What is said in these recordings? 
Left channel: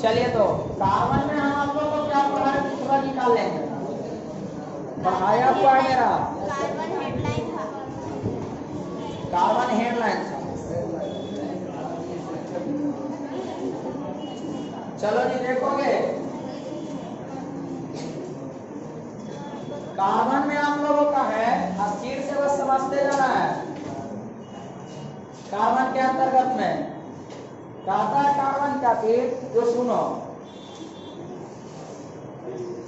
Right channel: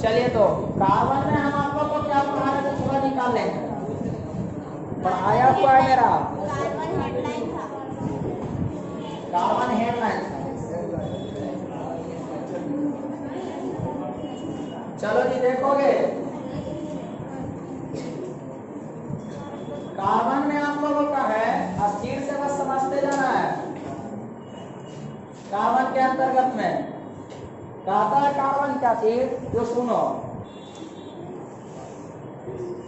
चलिए तो कार्बन में हम आप लोग को क्या पढ़ा रहे थे, थोड़ा निकाल लेंगे। पढ़ाया हुआ है मेरा कार्बन हेडलाइन था। कार्बन हेडलाइन था। चलो जी देखोगे, कार्बन में आप लोगों का है अस्थिर से बस समझते जाना है। कार्बन के अंतर्गत में कहता है कार्बन क्या चीज, जो सुनो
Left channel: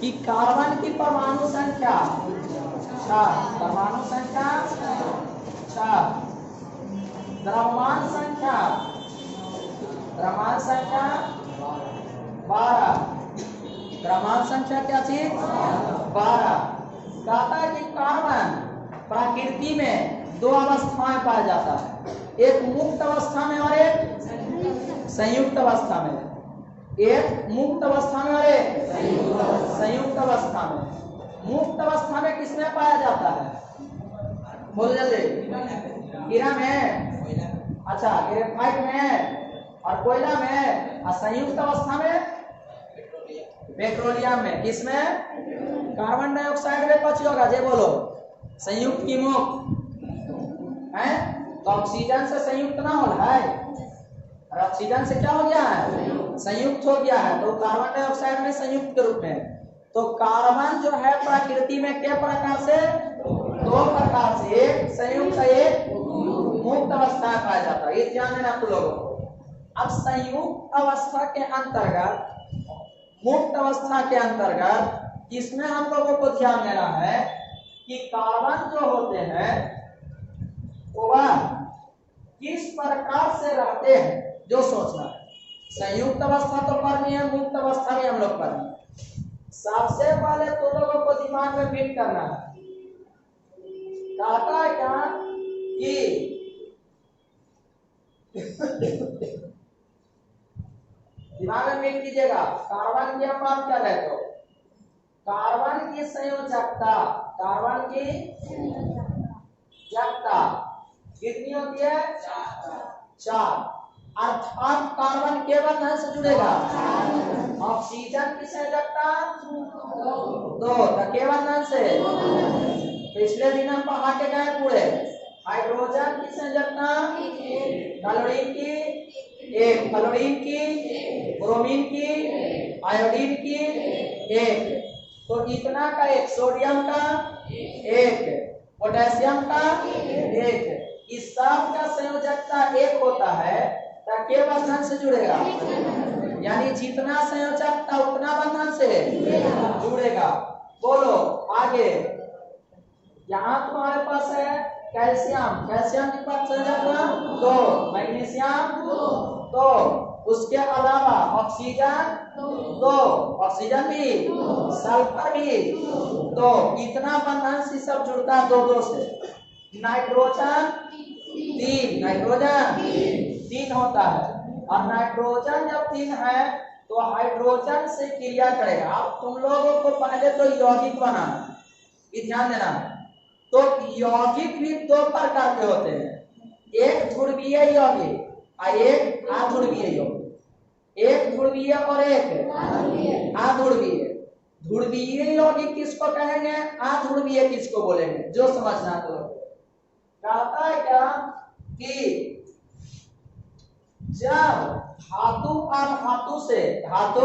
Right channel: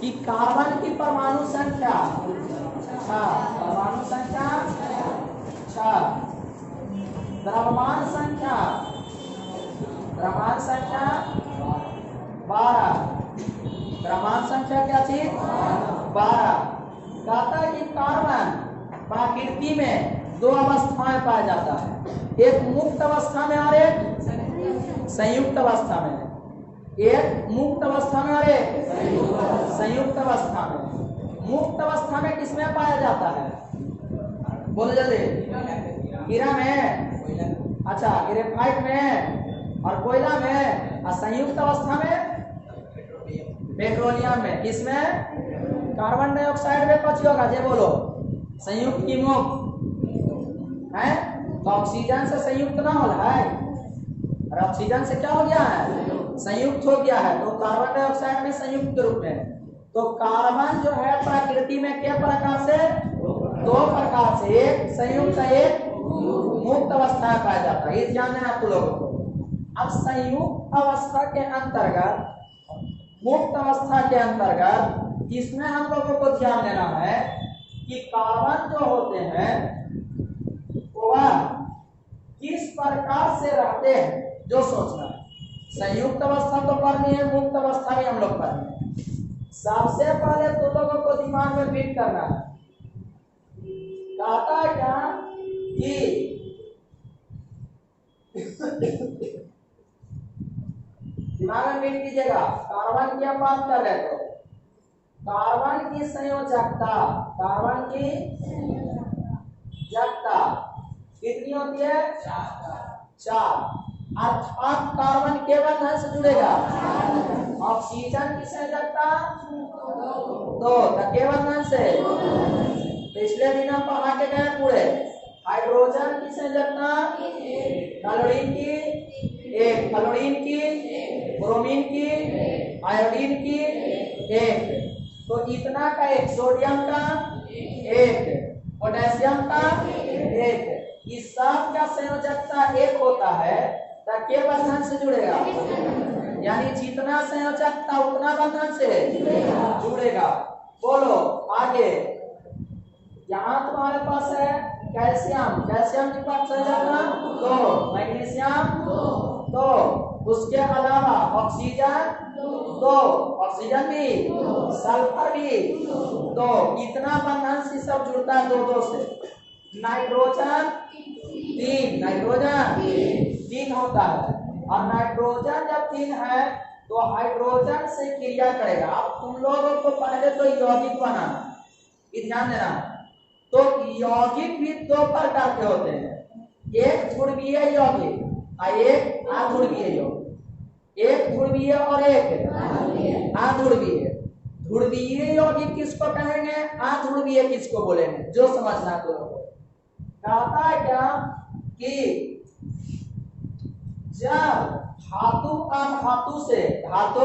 कि कार्बन की परमाणु संख्या 6, परमाणु संख्या 6, द्रव्यमान संख्या 12, द्रव्यमान संख्या क्या थी 12। कहता है कि कार्बन प्रकृति में दो अवस्थाएं पाया जाता है, एक मुक्त अवस्था में और एक संयुक्त अवस्था में। एक मुक्त अवस्था में और एक संयुक्त अवस्था में। मुक्त अवस्था में किसमें पाया जाता है, बोलो जल्दी। हीरा में, अच्छा ग्रेफाइट में और कोयला में, और संयुक्त अवस्था में पेट्रोलियम में। किसमें, कार्बन डाइऑक्साइड में कौन होगा जे बोलो, संयुक्त की मुक्त है, तो ऑक्सीजन से संयुक्त ना हो रहा है, और ऑक्सीजन से क्या हो गया है, संयुक्त हो गया है, तो कार्बन डाइऑक्साइड में संयुक्त के रूप में। तो कार्बन जो है प्रकृति में के प्रकार से, दो प्रकार से, एक संयुक्त एक मुक्त अवस्था में पाया जाता है, ये ध्यान देना तुम लोगों को। अब संयुक्त अवस्था के अंतर्गत, मुक्त अवस्था के अंतर्गत इसमें हम लोगों को ध्यान देना है कि कार्बन जो होते हैं वह किस प्रकार से रहते हैं, जो सोचना है। संयुक्त अवस्था तो करनी है, मुक्त अवस्था भी हम लोग करनी है। सबसे पहले तो लोगों को दिमाग में फिट करना है, कहता है क्या कि दिमाग में फिट कीजिएगा, कार्बन की हम बात कर रहे तो कार्बन की संयोजकता, कार्बन की संयोजकता कितनी होती है, 4। अर्थात कार्बन केवल धन से जुड़ेगा। ऑक्सीजन की संयोजकता 2, तो केवल धन से। पिछले दिन हम पढ़ा के गए पूरे। हाइड्रोजन की संयोजकता, क्लोरीन की 1, फ्लोरीन की, ब्रोमीन की, आयोडीन की 1, तो इतना का 1, सोडियम का 1, पोटेशियम का 1। इस सब का संयोजकता 1 होता है, तो के बंधन से जुड़ेगा, यानी जितना संयोजकता उतना बंधन से जुड़ेगा। बोलो आगे, यहाँ तुम्हारे पास है कैल्शियम, कैल्शियम की पास संयोजकता 2, मैग्नीशियम 2, उसके अलावा ऑक्सीजन 2, ऑक्सीजन भी, सल्फर भी 2, इतना बंधन से सब जुड़ता है 2 से। नाइट्रोजन 3, नाइट्रोजन 3 होता है, और नाइट्रोजन जब 3 है तो हाइड्रोजन से क्रिया करेगा। अब तुम लोगों को पहले तो यौगिक बनाना, ये ध्यान देना। तो यौगिक भी 2 प्रकार के होते हैं, एक ध्रुवीय यौगिक और एक अध्रुवीय यौगिक। एक ध्रुवीय और एक अध्रुवीय। ध्रुवीय यौगिक किसको कहेंगे, अध्रुवीय किसको बोलेंगे, जो समझना तो कहता है क्या कि जब धातु अधातु से, धातु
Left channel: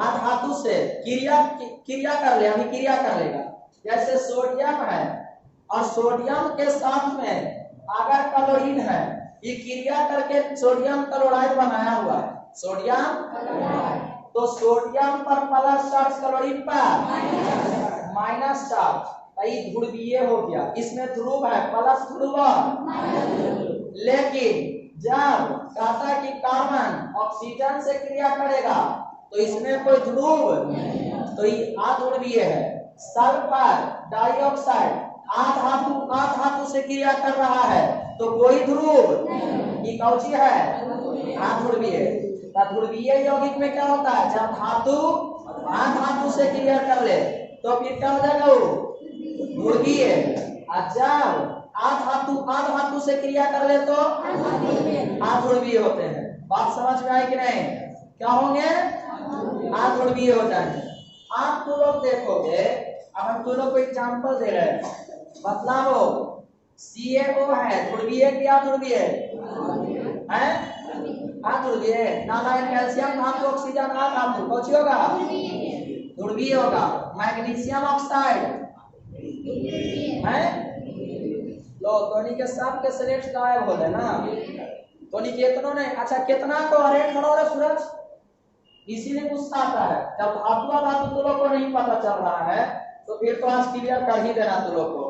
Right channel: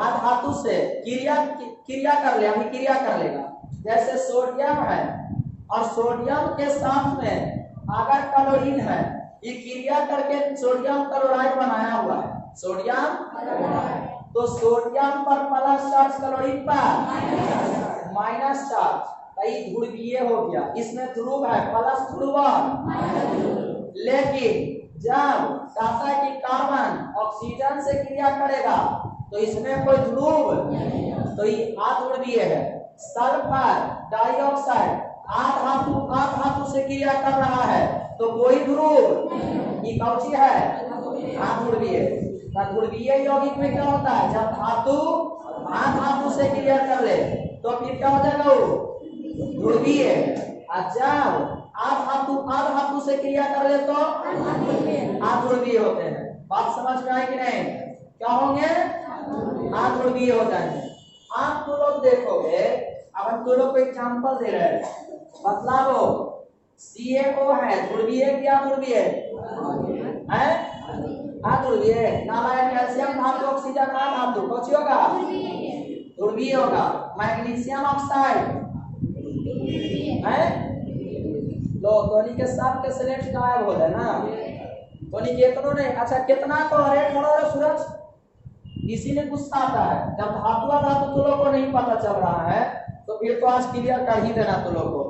अधातु से क्रिया कर ले, अभिक्रिया कर लेगा। जैसे सोडियम है और सोडियम के साथ में अगर क्लोरीन है, ये क्रिया करके सोडियम क्लोराइड बनाया हुआ है, सोडियम, तो सोडियम पर प्लस चार्ज, क्लोरीन पर माइनस चार्ज, ध्रुवीय हो गया। इसमें ध्रुव है प्लस ध्रुव, लेकिन जब कहता है कि कार्बन ऑक्सीजन से क्रिया करेगा तो इसमें कोई ध्रुव, तो ये अध्रुवीय है। सल्फर डाइऑक्साइड अधातु से क्रिया कर रहा है तो कोई ध्रुव, ये कौची है, अध्रुवीय। ध्रुवीय यौगिक में क्या होता है, जब धातु अधातु से क्रिया कर ले तो फिर क्या हो जाएगा, ध्रुवीय। जब अधातु से क्रिया कर ले तो अध्रुवीय होते हैं। बात समझ में आई कि नहीं? क्या होंगे? ध्रुवीय हो जाएंगे। आप तो लोग देखोगे, अब हम तो लोग को एग्जांपल दे रहे हैं, बतलाओ CaO है ध्रुवीय क्या ध्रुवीय है? अध्रुवीय। नालायक कैल्शियम धातु ऑक्सीजन धातु कौन सी होगा? ध्रुवीय होगा। मैग्नीशियम ऑक्साइड है लो टोनी के साथ के सिलेक्ट गायब हो गए ना, टोनी केतनों ने। अच्छा कितना को अरे खड़ो रे सूरज, इसीलिए गुस्सा आता है जब धातु धातु तो लोग को नहीं पता चल रहा है, तो फिर तो आज क्लियर कर ही देना तो लोग को।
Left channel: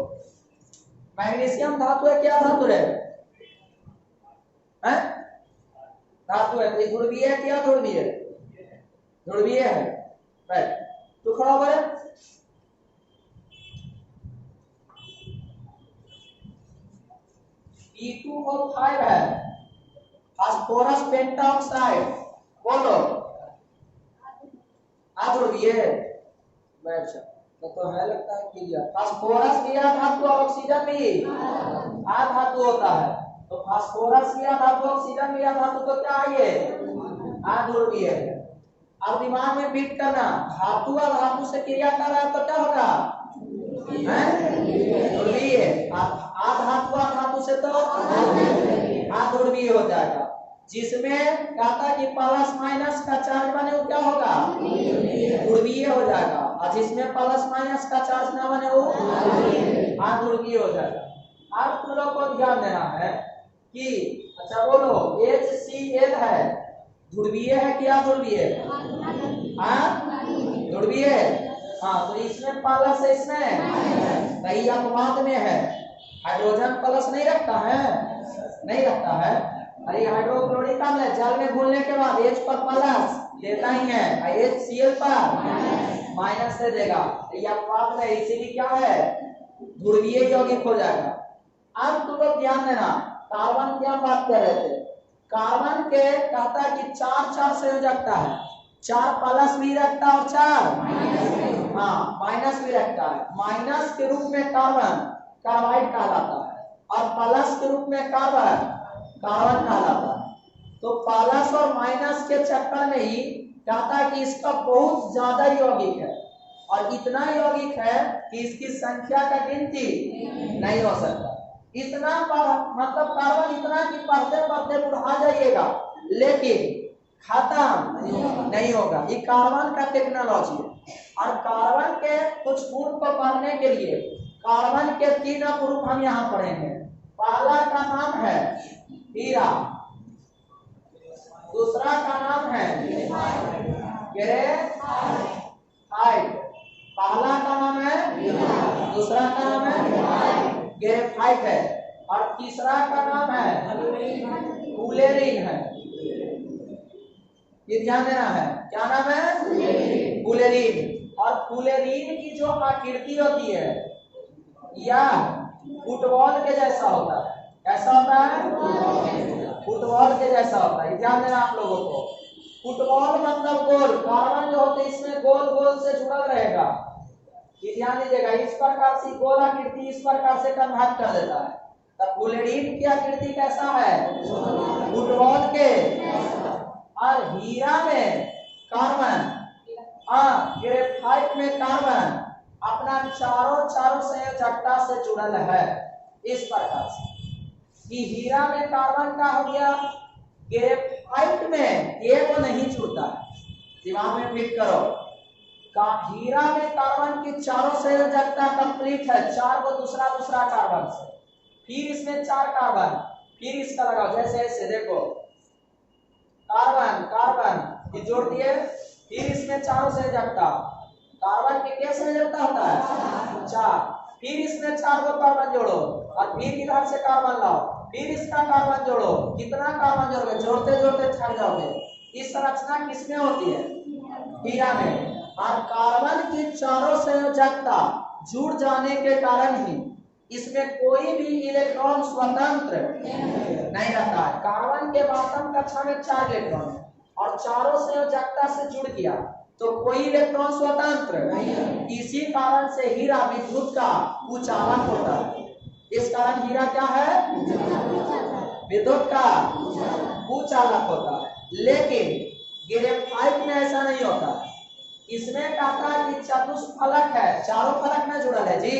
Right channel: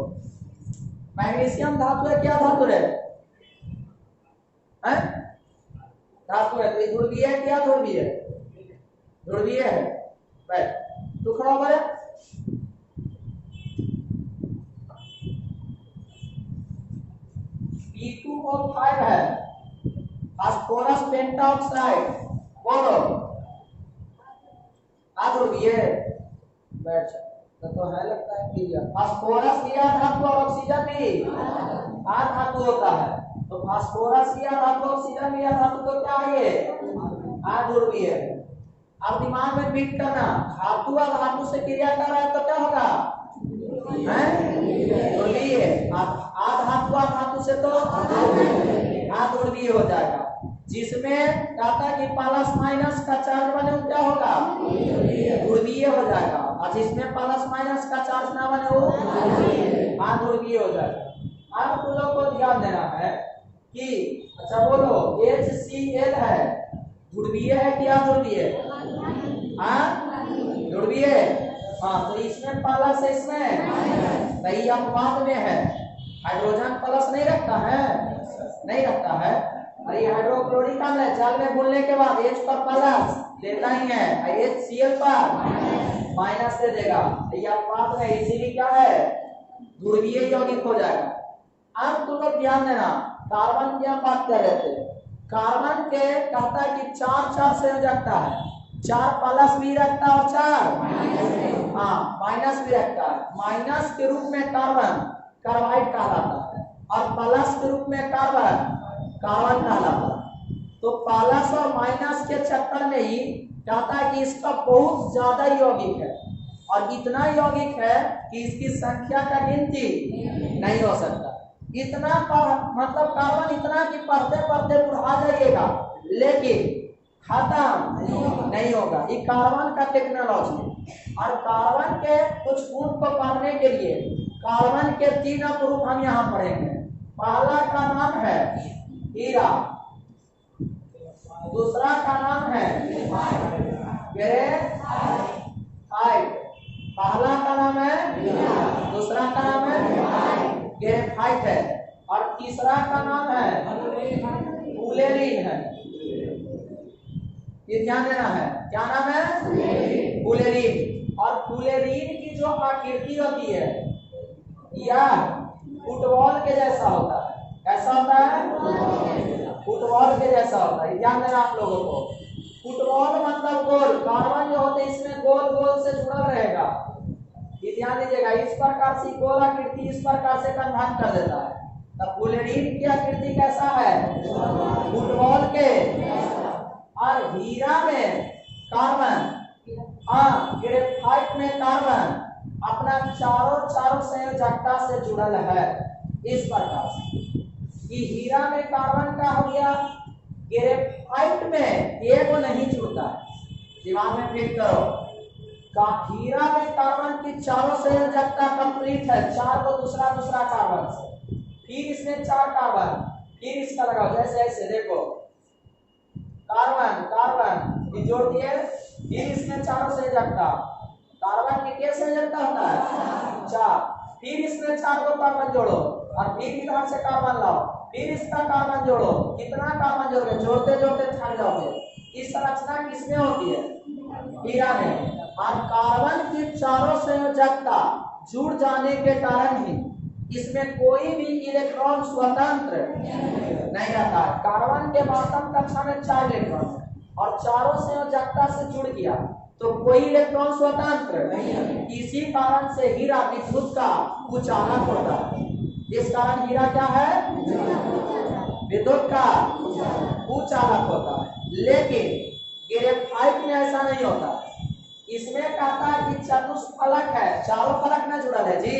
मैग्नीशियम धातु है क्या धातु है? धातु है, तो ध्रुवीय है क्या ध्रुवीय? ध्रुवीय है। राइट, तो खड़ा हो गए। P2O5 है फास्फोरस पेंटाऑक्साइड, बोलो अध्रुवीय। तो है लगता है क्लियर। फास्फोरस लिया धातु और ऑक्सीजन भी धातु होता है, तो फास्फोरस लिया धातु ऑक्सीजन लिया धातु तो क्या है ये? अध्रुवीय है। अब दिमाग में फिट करना, धातु और धातु से क्रिया कर रहा है तो क्या होगा? ध्रुवीय। धातु और धातु से तो अध्रुवीय हो जाएगा। जिसमें कहता कि प्लस माइनस का चार्ज बने वो क्या होगा? ध्रुवीय हो जाएगा। और जिसमें प्लस माइनस का चार्ज ना बने वो अध्रुवीय हो जाएगा। अब तुम लोग को ध्यान देना है कि अच्छा बोलो HCl है ध्रुवीय है क्या ध्रुवीय? ध्रुवीय। हाँ, तो इसमें प्लस है, इसमें सही अपवाद में है। हाइड्रोजन प्लस नहीं रखता है, नहीं रखता है। अरे हाइड्रोक्लोरिक अम्ल है, जल में घुलने के बाद H पर प्लस देता ही है, HCl पर माइनस दे देगा। ये अपवाद में, इसीलिए क्या है? ध्रुवीय यौगिक हो जाएगा। अब तुम लोग ध्यान देना, कार्बन की हम बात कर रहे थे। कार्बन के कहता है कि चार संयोजकता है, 4 प्लस भी रखता है और 4 माइनस भी रखता है। माइनस के रूप में कार्बन कार्बाइड कहलाता है और प्लस के रूप में कार्बन कार्बन कहलाता है। तो प्लस और माइनस के चक्कर में ही कहता है कि इसका बहुत ज्यादा यौगिक है, और इतना यौगिक है कि इसकी संख्या का गिनती नहीं हो सकता। इतना मतलब कार्बन इतना कि पढ़ते पढ़ते बुढ़ा जाइएगा, लेकिन खत्म नहीं होगा। ये कार्बन का टेक्नोलॉजी है। और कार्बन के कुछ गुण को पढ़ने के लिए कार्बन के 3 अपरूप हम यहाँ पढ़ेंगे। पहला का नाम है हीरा, दूसरा का नाम है ग्रेफाइट। पहला का नाम है, दूसरा का नाम है ग्रेफाइट है, और तीसरा का नाम है फुलेरिन है। ये ध्यान देना है, क्या नाम है? फुलेरिन। और फुलेरिन की जो आकृति होती है यह फुटबॉल के जैसा होता है। कैसा होता है? फुटबॉल के जैसा होता है। ध्यान देना आप लोगों को। फुटबॉल मतलब गोल, कार्बन जो होते हैं इसमें गोल गोल से जुड़ा रहेगा। ये ध्यान दीजिएगा, इस प्रकार से गोल आकृति इस प्रकार से कन्वर्ट कर देता है। तब फुलेरिन की आकृति कैसा है? फुटबॉल के। और हीरा में कार्बन, ग्रेफाइट में कार्बन अपना चारों संयोजकता से जुड़ल है। इस प्रकार से कि हीरा में कार्बन का हो गया, ग्रेफाइट में एगो नहीं जुड़ता है। दिमाग में फिट करो, हीरा में कार्बन की चारों संयोजकता कंप्लीट है, 4 को दूसरा कार्बन से, फिर इसमें 4 कार्बन, फिर इसका लगाओ जैसे ऐसे देखो, कार्बन कार्बन ये जोड़ दिए, फिर इसमें चारों संयोजकता। कार्बन के क्या संयोजकता होता है? 4। फिर इसमें 4 को कार्बन जोड़ो और फिर इधर से कार्बन लाओ, फिर इसका कार्बन जोड़ो। कितना कार्बन जोड़ोगे? जोड़ते जोड़ते थक जाओगे। इस संरचना किसमें होती है? हीरा में। और कार्बन की चारों संयोजकता जुड़ जाने के कारण ही इसमें कोई भी इलेक्ट्रॉन स्वतंत्र नहीं रहता है। कार्बन के बॉटम कक्षा में 4 इलेक्ट्रॉन है और चारों संयोजकता से जुड़ गया तो कोई इलेक्ट्रॉन स्वतंत्र नहीं। इसी कारण से हीरा विद्युत का कुचालक होता है। इस कारण हीरा क्या है? विद्युत का कुचालक होता है। लेकिन ग्रेफाइट में ऐसा नहीं होता। इसमें कहता है कि चतुष्फलक है, चारों फलक में जुड़ल है जी।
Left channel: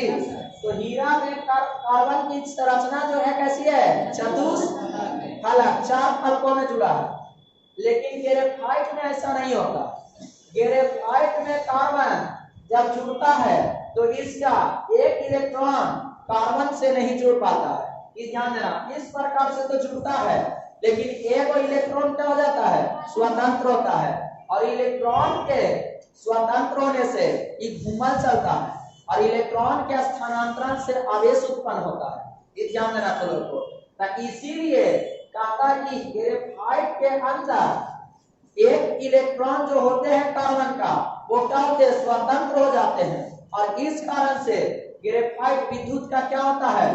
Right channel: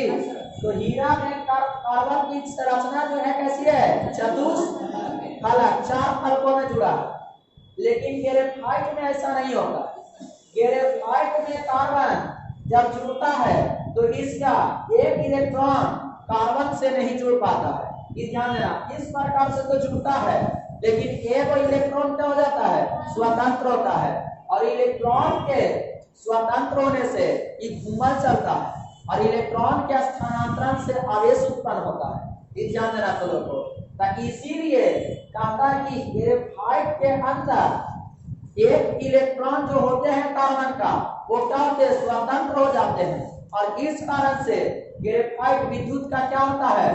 तो हीरा में कार्बन की संरचना जो है कैसी है, चतुष्फलक, 4 फलकों में जुड़ा है। लेकिन ग्रेफाइट में ऐसा नहीं होता। ग्रेफाइट में कार्बन जब जुड़ता है तो इसका एक इलेक्ट्रॉन कार्बन से नहीं जुड़ पाता है। ये ध्यान देना, इस प्रकार से तो जुड़ता है लेकिन एक इलेक्ट्रॉन क्या हो जाता है, स्वतंत्र होता है। और इलेक्ट्रॉन के स्वतंत्र होने से ये घूमल चलता है और इलेक्ट्रॉन के स्थानांतरण से आवेश उत्पन्न होता है। ये ध्यान देना चलो को, ताकि इसीलिए कहता है कि ग्रेफाइट के अंदर एक इलेक्ट्रॉन जो होते हैं कार्बन का वो क्या होते हैं, स्वतंत्र हो जाते हैं। और इस कारण से ग्रेफाइट विद्युत का क्या होता है,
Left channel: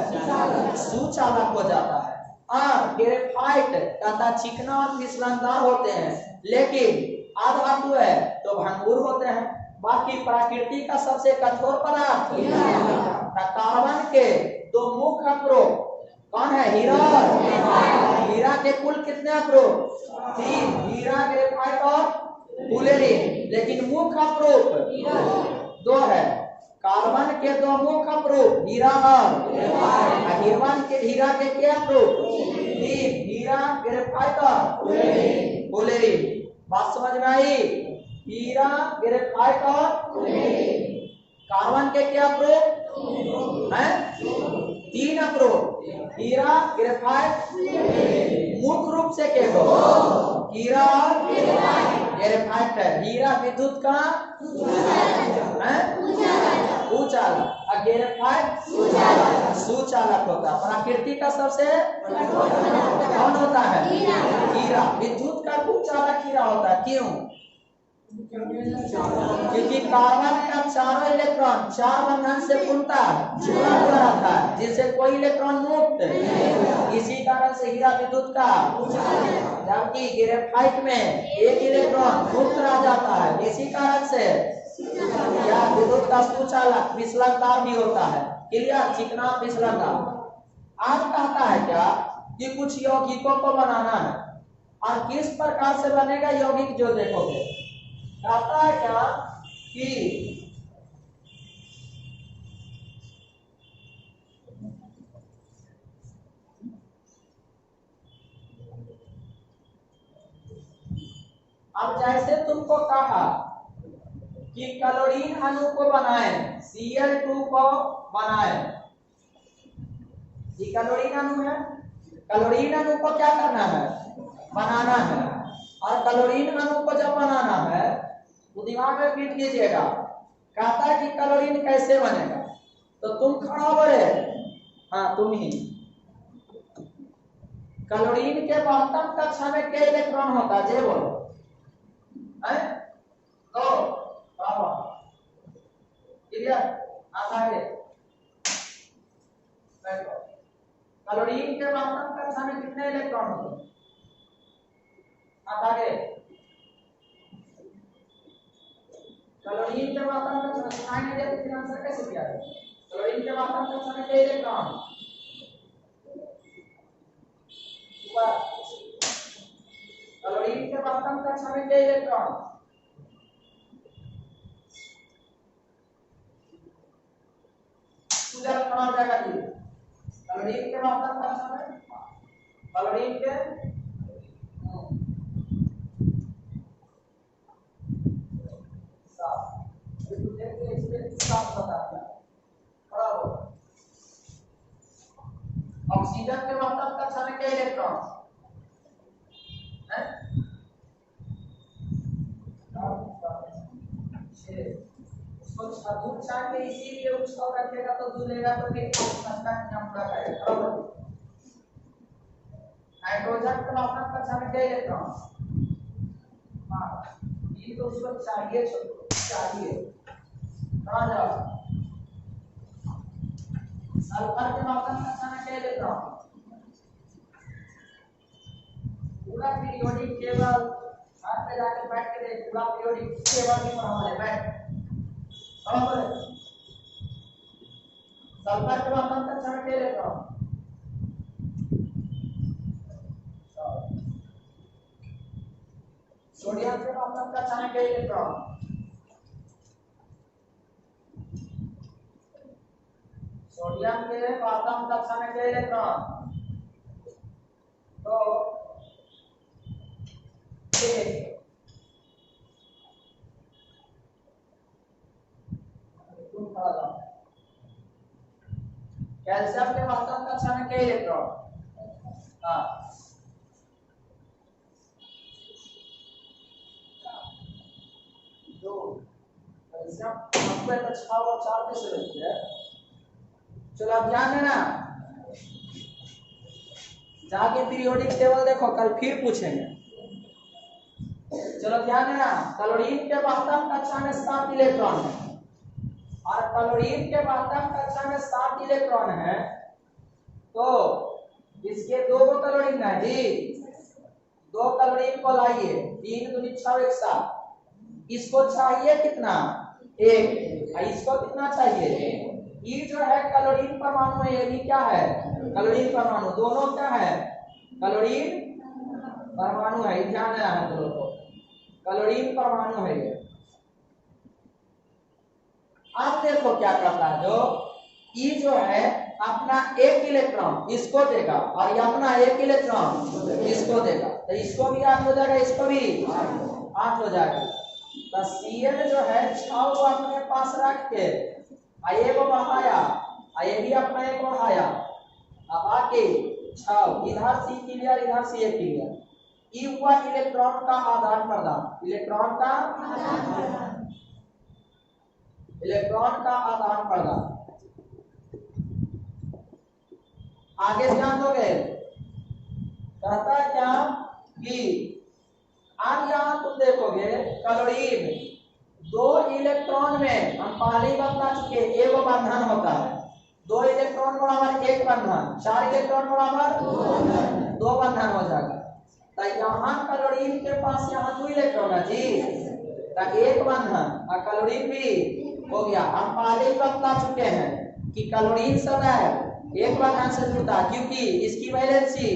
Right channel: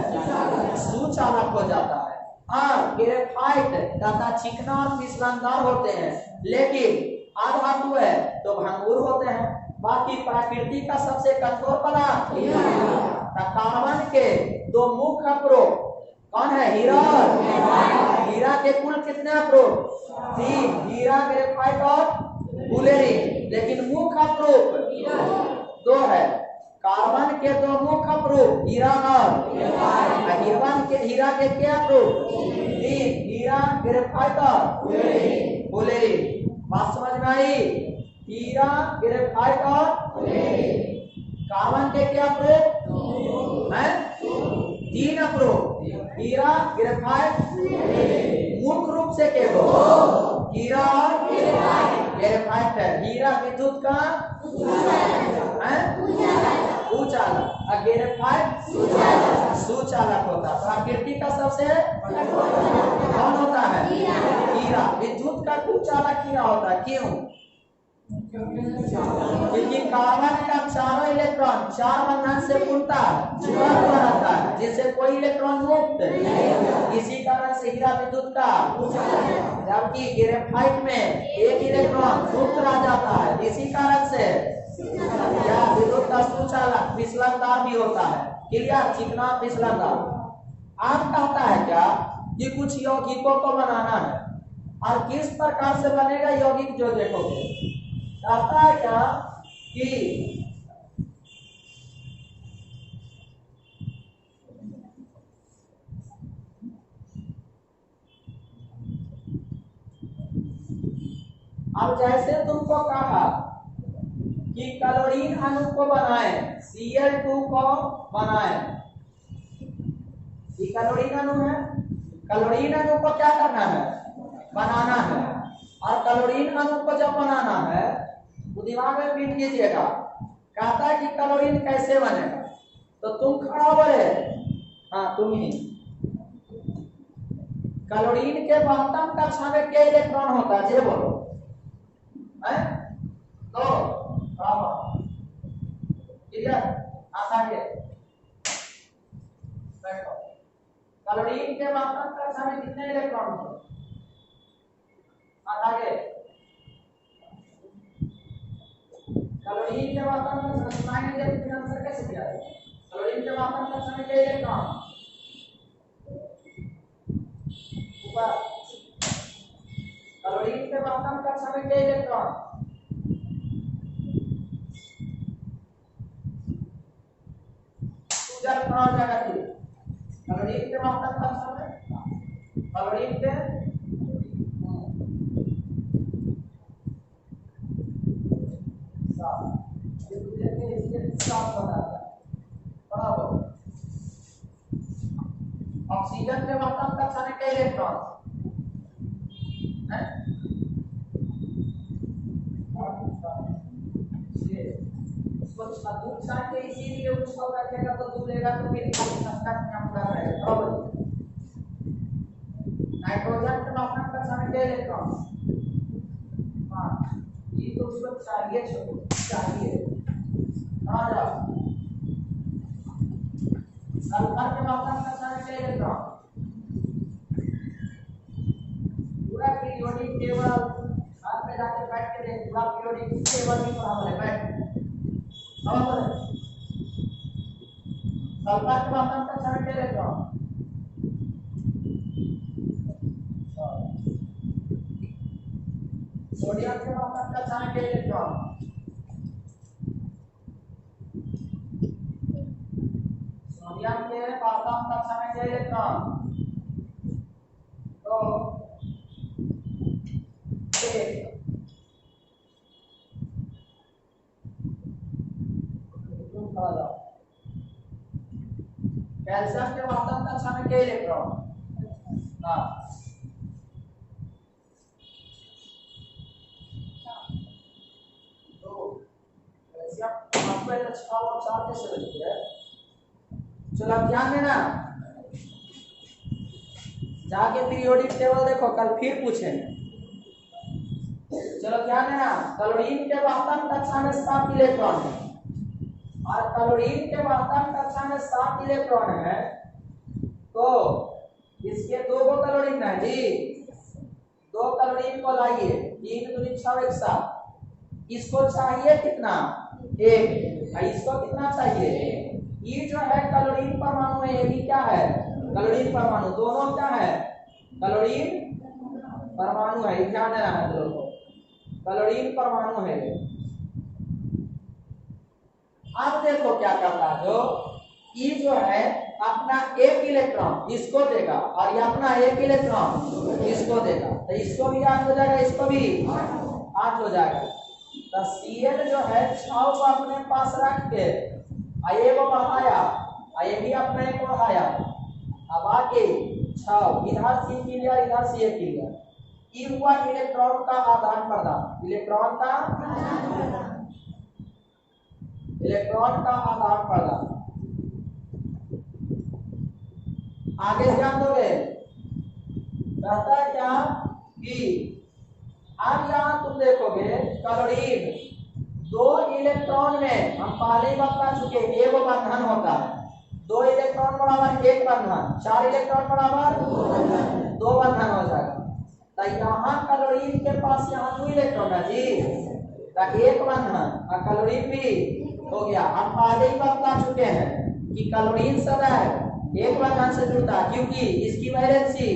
सुचालक हो जाता है। और ग्रेफाइट ज्यादा चिकना और फिसलनदार होते हैं, लेकिन अधातु है तो भंगुर होते हैं। बाकी प्रकृति का सबसे कठोर पदार्थ कार्बन के 2 मुख्य अवरोध कौन है, हीरा। हीरा के कुल कितने अवरोध, 3, हीरा, ग्रेफाइट और फुलेरिन। लेकिन मुख्य अवरोध 2 है। कार्बन के 2 मुख्य अवरोध हीरा और हीरा के क्या अवरोध, 3, हीरा, ग्रेफाइट और फुलेरिन। बात समझ में आई, हीरा, ग्रेफाइट और कार्बन के क्या अवरोध हैं, 3 अवरोध, हीरा, ग्रेफाइट, मुख्य रूप से के 2, हीरा और ग्रेफाइट है। हीरा विद्युत का उचालक और ग्रेफाइट सुचालक होता है। प्रकृति का सबसे कौन होता है, हीरा। विद्युत का कुचालक हीरा होता है। क्यों, क्योंकि कार्बन का 4 इलेक्ट्रॉन 4 बंधन से पूर्णतः जुड़ा हुआ रहता है, जिससे कोई इलेक्ट्रॉन मुक्त। इसी कारण से हीरा विद्युत का, जबकि ग्रेफाइट में एक इलेक्ट्रॉन मुक्त रह जाता है। इसी कारण से क्या विद्युत का सुचालक फिसलनदार भी होता है। क्लियर, चिकना फिसलनदार। आज कहता है क्या कि कुछ यौगिकों को बनाना है, और किस प्रकार से बनेगा यौगिक जो देखोगे। कहता है क्या कि अब जैसे तुमको कहा कि क्लोरीन अणु को बनाएं, Cl2 को बनाएं। ये क्लोरीन अणु है, क्लोरीन अणु को क्या करना है, बनाना है। और क्लोरीन अणु को जब बनाना है तो दिमाग में पीट लीजिएगा। कहता है कि क्लोरीन कैसे बनेगा, तो तुम खड़ा बोले, हाँ तुम ही। क्लोरीन के महत्तम कक्षा में क्या इलेक्ट्रॉन होता है, ये बोलो है? तो आगे बैठो। क्लोरीन के महत्तम कक्षा में कितने इलेक्ट्रॉन होते हैं, आगे। क्लोरीन के महत्तम कक्षा सुनाई नहीं देती, फिर आंसर कैसे दिया जाए। क्लोरीन के महत्तम कक्षा में कितने इलेक्ट्रॉन, ऊपर। क्लोरीन के महत्तम कक्षा में कितने इलेक्ट्रॉन, जब खड़ा हो जाएगा जी। क्लोरीन के महत्तम कक्षा में, क्लोरीन के ऑक्सीजन के महत्तम कक्षा में कितने इलेक्ट्रॉन है, 6। उसको दूर चाहिए, इसीलिए उसको रखेगा तो दूलेगा तो फिर संख्या क्या पूरा करेगा, बराबर। नाइट्रोजन के महत्तम कक्षा में कितने इलेक्ट्रॉन, 5। ये तो उसको चाहिए, चाहिए। कहाँ जाओ। सल्फर के महत्तम कक्षा में कितने इलेक्ट्रॉन, पूरा पीरियोडिक टेबल हाथ पे जाके बैठ के देख, पूरा पीरियोडिक टेबल भी पढ़ा है, बैठ बराबर है। सल्फर के महत्तम कक्षा में कितने इलेक्ट्रॉन, सोडियम के वातम कक्षा के इलेक्ट्रॉन, सोडियम के वातम कक्षा के इलेक्ट्रॉन तो तुम खड़ा जाओ। कैल्शियम के वातम कक्षा के इलेक्ट्रॉन, हाँ तो कैल्शियम आपको एक 6 और 4 कैसे बनती है? चलो अब ध्यान देना, जाके पीरियोडिक टेबल देखो, कल फिर पूछेंगे। चलो ध्यान देना, क्लोरीन के वातम कक्षा में 7 इलेक्ट्रॉन है और क्लोरीन के वातम कक्षा में 7 इलेक्ट्रॉन है, तो इसके 2 क्लोरीन है जी, 2 क्लोरीन को लाइए, 3 दूनी 6 1 7, इसको चाहिए कितना? 1, और इसको कितना चाहिए? ये जो है क्लोरीन परमाणु है, ये भी क्या है? क्लोरीन परमाणु, दोनों क्या है? क्लोरीन परमाणु है, ध्यान देना है दोनों को, क्लोरीन परमाणु है ये। अब देखो क्या करता है, जो ई जो है अपना 1 इलेक्ट्रॉन इसको देगा और ये अपना 1 इलेक्ट्रॉन इसको देगा, तो इसको भी 8 हो जाएगा, इसको भी 8 हो जाएगा। तो Cl जो है 6 को अपने पास रख के ये को बढ़ाया, ये भी अपना 1 बढ़ाया, अब आके 6 इधर C क्लियर, इधर C क्लियर, ई हुआ इलेक्ट्रॉन का आदान प्रदान, इलेक्ट्रॉन का आदान प्रदान। आगे ध्यान दोगे, कहता है क्या कि अब यहां तुम देखोगे क्लोरीन 2 इलेक्ट्रॉन में हम पहले ही बता चुके, एक बंधन होता है, 2 इलेक्ट्रॉन बराबर 1 बंधन, 4 इलेक्ट्रॉन बराबर 2 बंधन हो जाएगा। तो यहाँ क्लोरीन के पास यहाँ 2 इलेक्ट्रॉन है जी, तो 1 बंधन और क्लोरीन भी हो गया। हम पहले ही बता चुके हैं कि क्लोरीन सदा 1 बंधन से जुड़ता है, क्योंकि इसकी वैलेंसी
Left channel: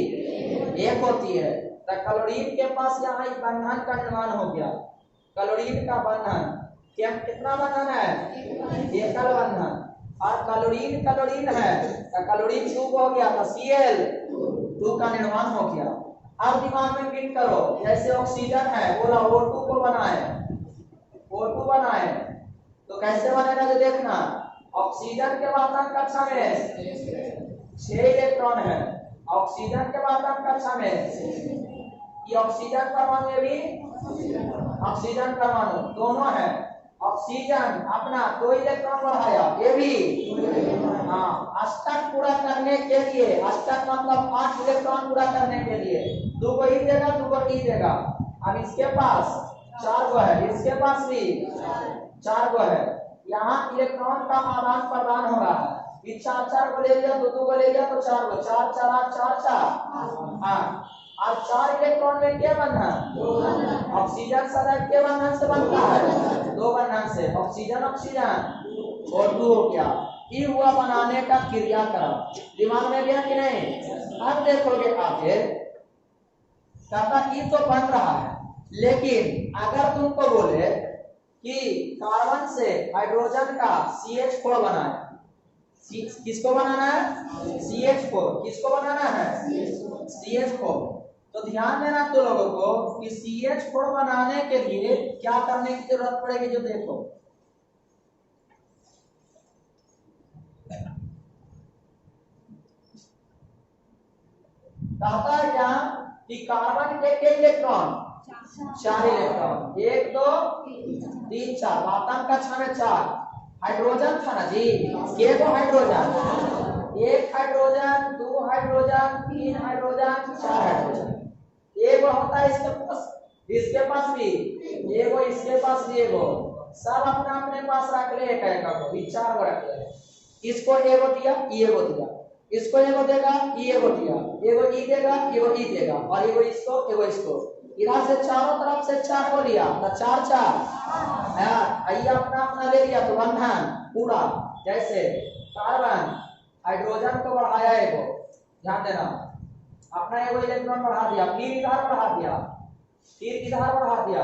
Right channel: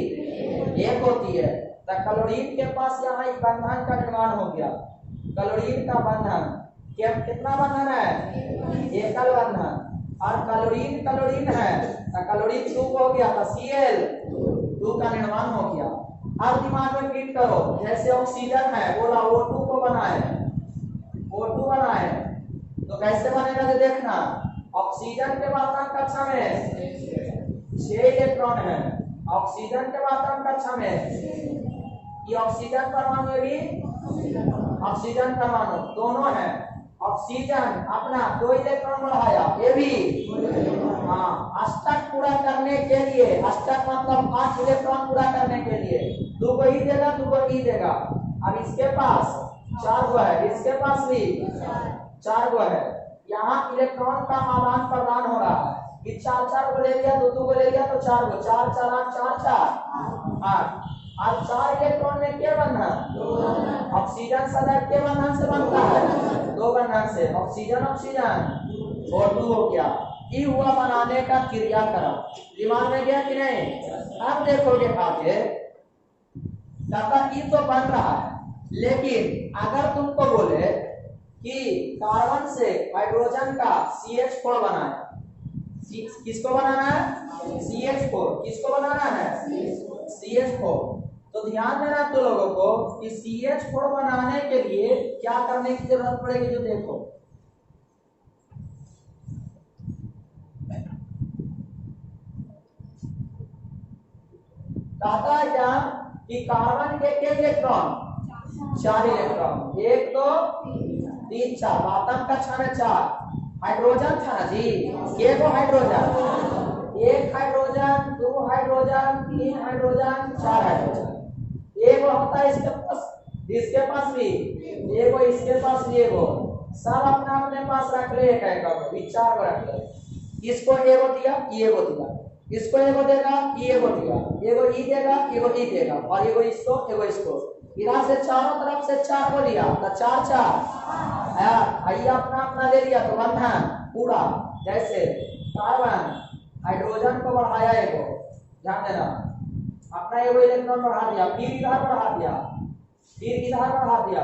1 होती है। तो क्लोरीन के पास यहाँ एक बंधन का निर्माण हो गया, क्लोरीन का बंधन कितना बंधन है? एकल बंधन, और क्लोरीन है तो क्लोरीन 2 हो गया, तो Cl2 का निर्माण हो गया। अब दिमाग में फिट करो, जैसे ऑक्सीजन है, बोला O2 को बनाए, O2 बनाए तो कैसे बनेगा जो देखना, ऑक्सीजन के वातम कक्षा में 6 इलेक्ट्रॉन है, ऑक्सीजन के वातम कक्षा में ये ऑक्सीजन परमाणु है, भी ऑक्सीजन परमाणु दोनों है। ऑक्सीजन अपना 2 इलेक्ट्रॉन बढ़ाया, ये भी हाँ, अष्टक पूरा करने के लिए, अष्टक मतलब 8 इलेक्ट्रॉन पूरा करने के लिए 2 को ही देगा, 2 को ही देगा। अब इसके पास 4 गो है, इसके पास भी 4 गो है, यहाँ इलेक्ट्रॉन का आदान प्रदान हो रहा है, ये 4 को ले लिया, 2 को ले लिया, तो 4 को 4 4 8 4 4 8। अब 4 इलेक्ट्रॉन में क्या बंधन? ऑक्सीजन सदा के बंधन से बनता है, 2 बंधन से, ऑक्सीजन ऑक्सीजन और 2 हो गया। ये हुआ बनाने का क्रियाक्रम, दिमाग में गया कि नहीं? अब देखोगे आगे, ये तो बन रहा है, लेकिन अगर तुमको बोले कि कार्बन से हाइड्रोजन का CH4 बनाया, किसको बनाना है? CH4, किसको बनाना है? CH4। तो ध्यान देना तो लोगों को कि CH4 बनाने के लिए क्या करने की जरूरत पड़ेगी, जो देखो कहता है क्या कि कार्बन के इलेक्ट्रॉन 4 इलेक्ट्रॉन, 1 2 3 4, वातम कक्षा में 4, हाइड्रोजन था ना जी, के को hydrogen, 1 hydrogen 2 hydrogen 3 hydrogen 4 hydrogen, एक होता है इसके पास भी एगो, इसके पास भी एगो, सब अपना अपने पास रख ले, एक एक को 4 को रख ले। इसको एगो दिया, एगो दिया, इसको एगो देगा, एगो दिया, एगो ई देगा, एगो ई देगा, और एगो इसको, एगो इसको, इधर से चारों तरफ से 4 को लिया, तो 4 4 आइए अपना अपना ले लिया, तो बंधन पूरा, जैसे कार्बन हाइड्रोजन को बढ़ाया एगो, ध्यान देना, अपना एगो इलेक्ट्रॉन बढ़ा दिया, फिर इधर बढ़ा दिया, फिर इधर बढ़ा दिया